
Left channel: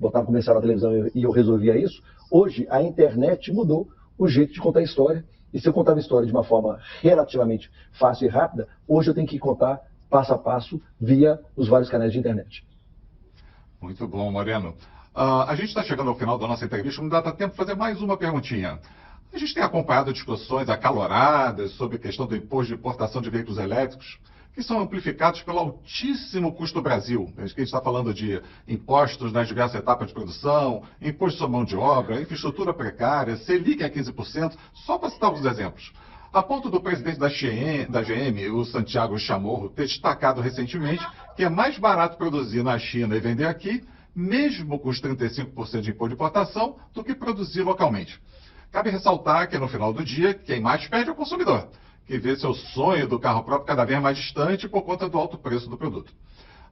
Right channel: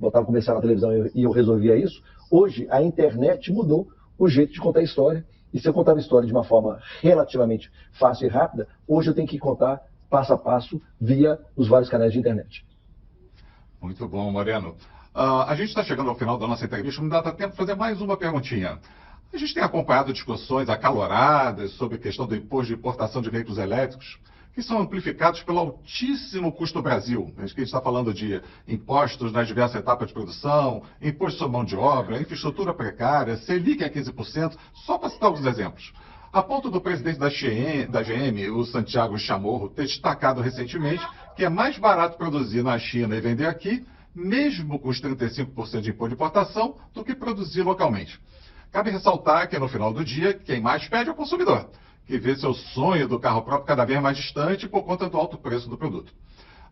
botava um comercial na televisão e eu resolvia isso, hoje a internet mudou o jeito de contar a história. E se eu contava a história de uma forma relativamente fácil e rápida, hoje eu tenho que contar passo a passo via os vários canais de internet. Muito bom, Moreno. A gente está chegando ao final da nossa entrevista, não dá tempo de fazer mais uma perguntinha. A gente tem acompanhado discussões acaloradas sobre a questão do imposto de importação de veículos elétricos, que são amplificados pelo altíssimo custo do Brasil. A gente está falando de impostos nas diversas etapas de produção, imposto sobre mão de obra, infraestrutura precária, Selic a 15%, só para citar alguns exemplos. A ponto do presidente da GM, o Santiago Chamorro, ter destacado recentemente que é mais barato produzir na China e vender aqui, mesmo com os 35% de imposto de importação, do que produzir localmente. Cabe ressaltar que, no final do dia, quem mais perde é o consumidor, que vê seu sonho do carro próprio cada vez mais distante por conta do alto preço do produto.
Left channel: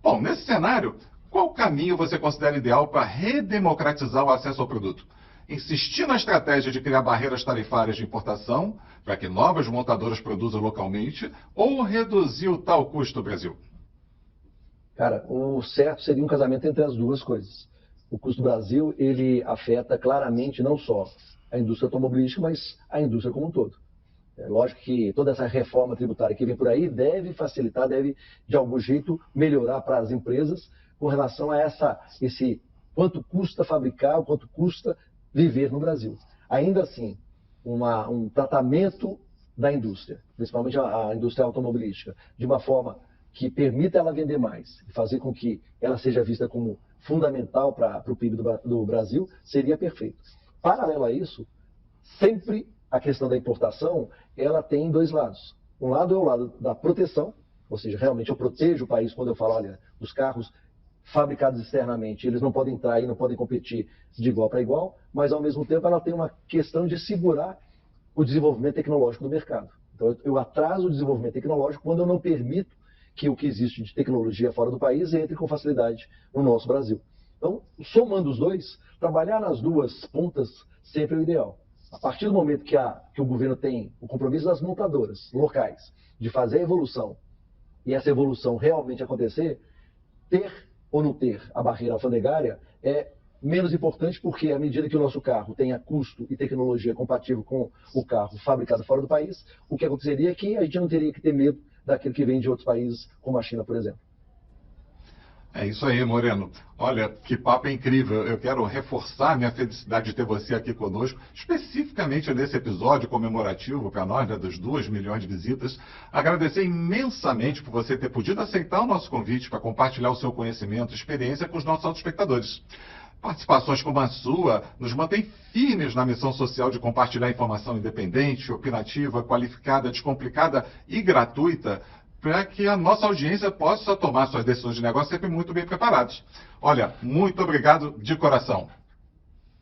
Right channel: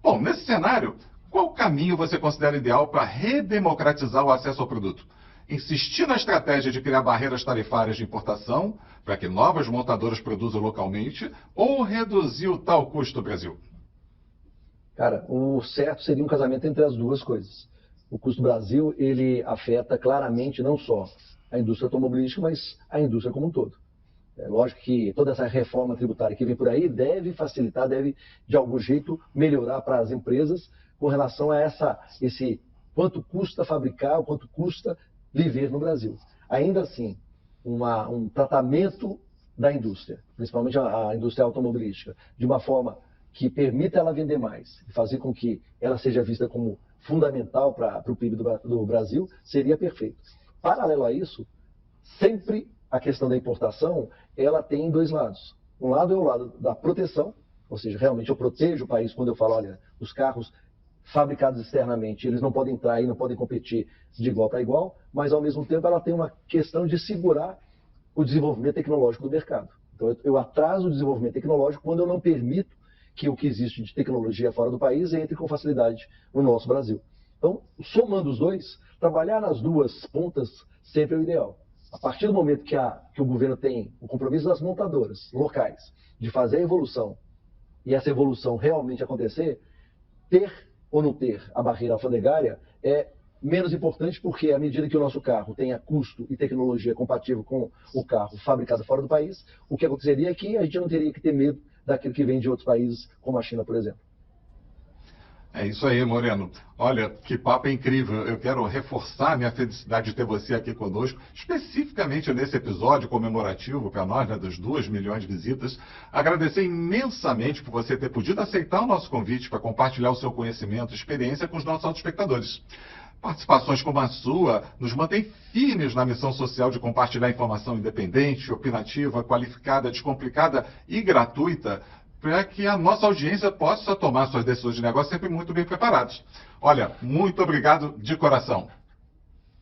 Bom, nesse cenário, qual caminho você considera ideal para redemocratizar o acesso ao produto? Insistir na estratégia de criar barreiras tarifárias de importação para que novas montadoras produzam localmente ou reduzir o tal custo do Brasil? Cara, o certo seria um casamento entre as duas coisas. O custo do Brasil, ele afeta claramente não só a indústria automobilística, mas a indústria como um todo. É lógico que toda essa reforma tributária que vem por aí deve facilitar, deve de algum jeito melhorar para as empresas com relação a esse quanto custa fabricar, o quanto custa viver no Brasil. Ainda assim, um tratamento da indústria, principalmente a indústria automobilística, de uma forma que permita ela vender mais e fazer com que ela seja vista como fundamental para o PIB do Brasil, seria perfeito. Paralelo a isso, sempre a questão da importação, ela tem dois lados. Um lado é o lado da proteção, ou seja, realmente eu protejo o país quando eu falo, olha, os carros fabricados externamente, eles não podem entrar e não podem competir de igual para igual, mas ao mesmo tempo ela tem uma questão de segurar o desenvolvimento tecnológico do mercado. Então eu atraso o desenvolvimento tecnológico quando eu não permito que o que existe de tecnologia fora do país entre com facilidade no nosso Brasil. Então, somando os dois, trabalhar nas duas pontas sempre é o ideal. A partir do momento que o governo tem o compromisso das montadoras locais de fazer a evolução, e essa evolução realmente acontecer, ter ou não ter a barreira alfandegária é menos importante, porque à medida que o nosso carro tenha custo e tecnologia compatível com o carro fabricado fora do país, o que aconteceria é que a gente não teria que ter medo daquilo que vem de outros países, como a China, por exemplo. É isso aí, Moreno. Olha, que papo incrível. Eu quero reforçar minha felicidade de ter você aqui conosco, especificamente nesse episódio comemorativo para nós, né, das 2 milhões de visitas. Agradecer imensamente por você ter podido aceitar o nosso convite para compartilhar o seu conhecimento e experiência com os nossos autoespectadores. Participações como a sua nos mantém firmes na missão social de compartilhar informação independente, opinativa, qualificada, descomplicada e gratuita, para que a nossa audiência possa tomar suas decisões de negócio sempre muito bem preparadas. Olha, muito obrigado de coração.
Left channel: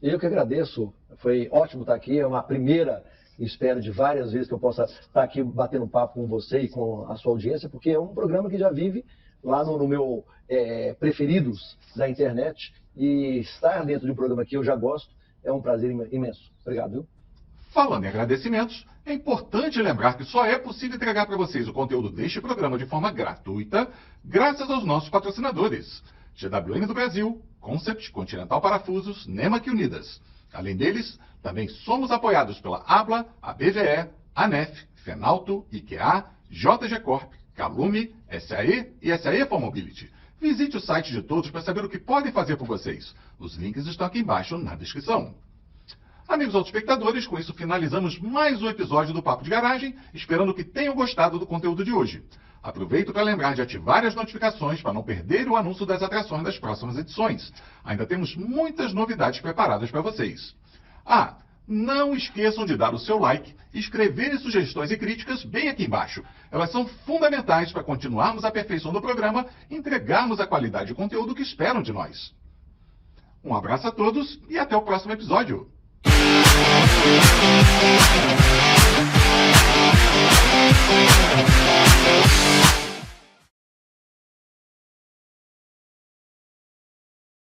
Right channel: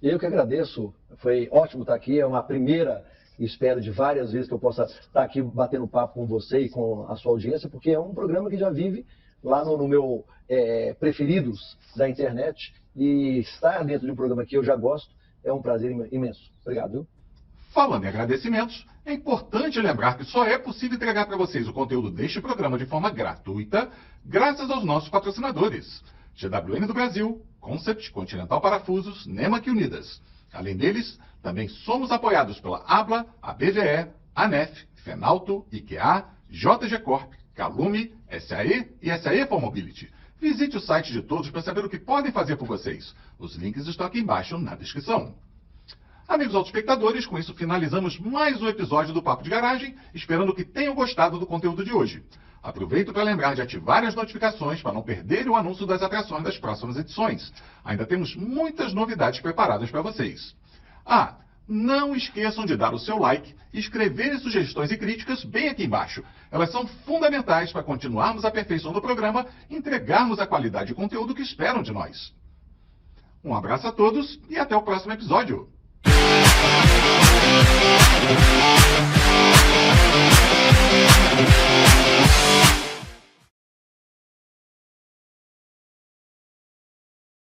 Eu que agradeço. Foi ótimo estar aqui. É uma primeira, espero de várias vezes que eu possa estar aqui batendo papo com você e com a sua audiência, porque é um programa que já vive lá no meu preferidos da internet, e estar dentro de um programa que eu já gosto é um prazer imenso. Obrigado, viu? Falando em agradecimentos, é importante lembrar que só é possível entregar para vocês o conteúdo deste programa de forma gratuita, graças aos nossos patrocinadores: GWM do Brasil, Concept, Continental Parafusos, Nemac Unidas. Além deles, também somos apoiados pela ABLA, a BGE, ANEF, Fenalto, IKEA, JG Corp, Calume, SAE e SAE for Mobility. Visite o site de todos para saber o que podem fazer por vocês. Os links estão aqui embaixo na descrição. Amigos autoespectadores, com isso finalizamos mais um episódio do Papo de Garagem, esperando que tenham gostado do conteúdo de hoje. Aproveito para lembrar de ativar as notificações para não perderem o anúncio das atrações das próximas edições. Ainda temos muitas novidades preparadas para vocês. Não esqueçam de dar o seu like e escreverem sugestões e críticas bem aqui embaixo. Elas são fundamentais para continuarmos aperfeiçoando o programa e entregarmos a qualidade de conteúdo que esperam de nós. Um abraço a todos e até o próximo episódio.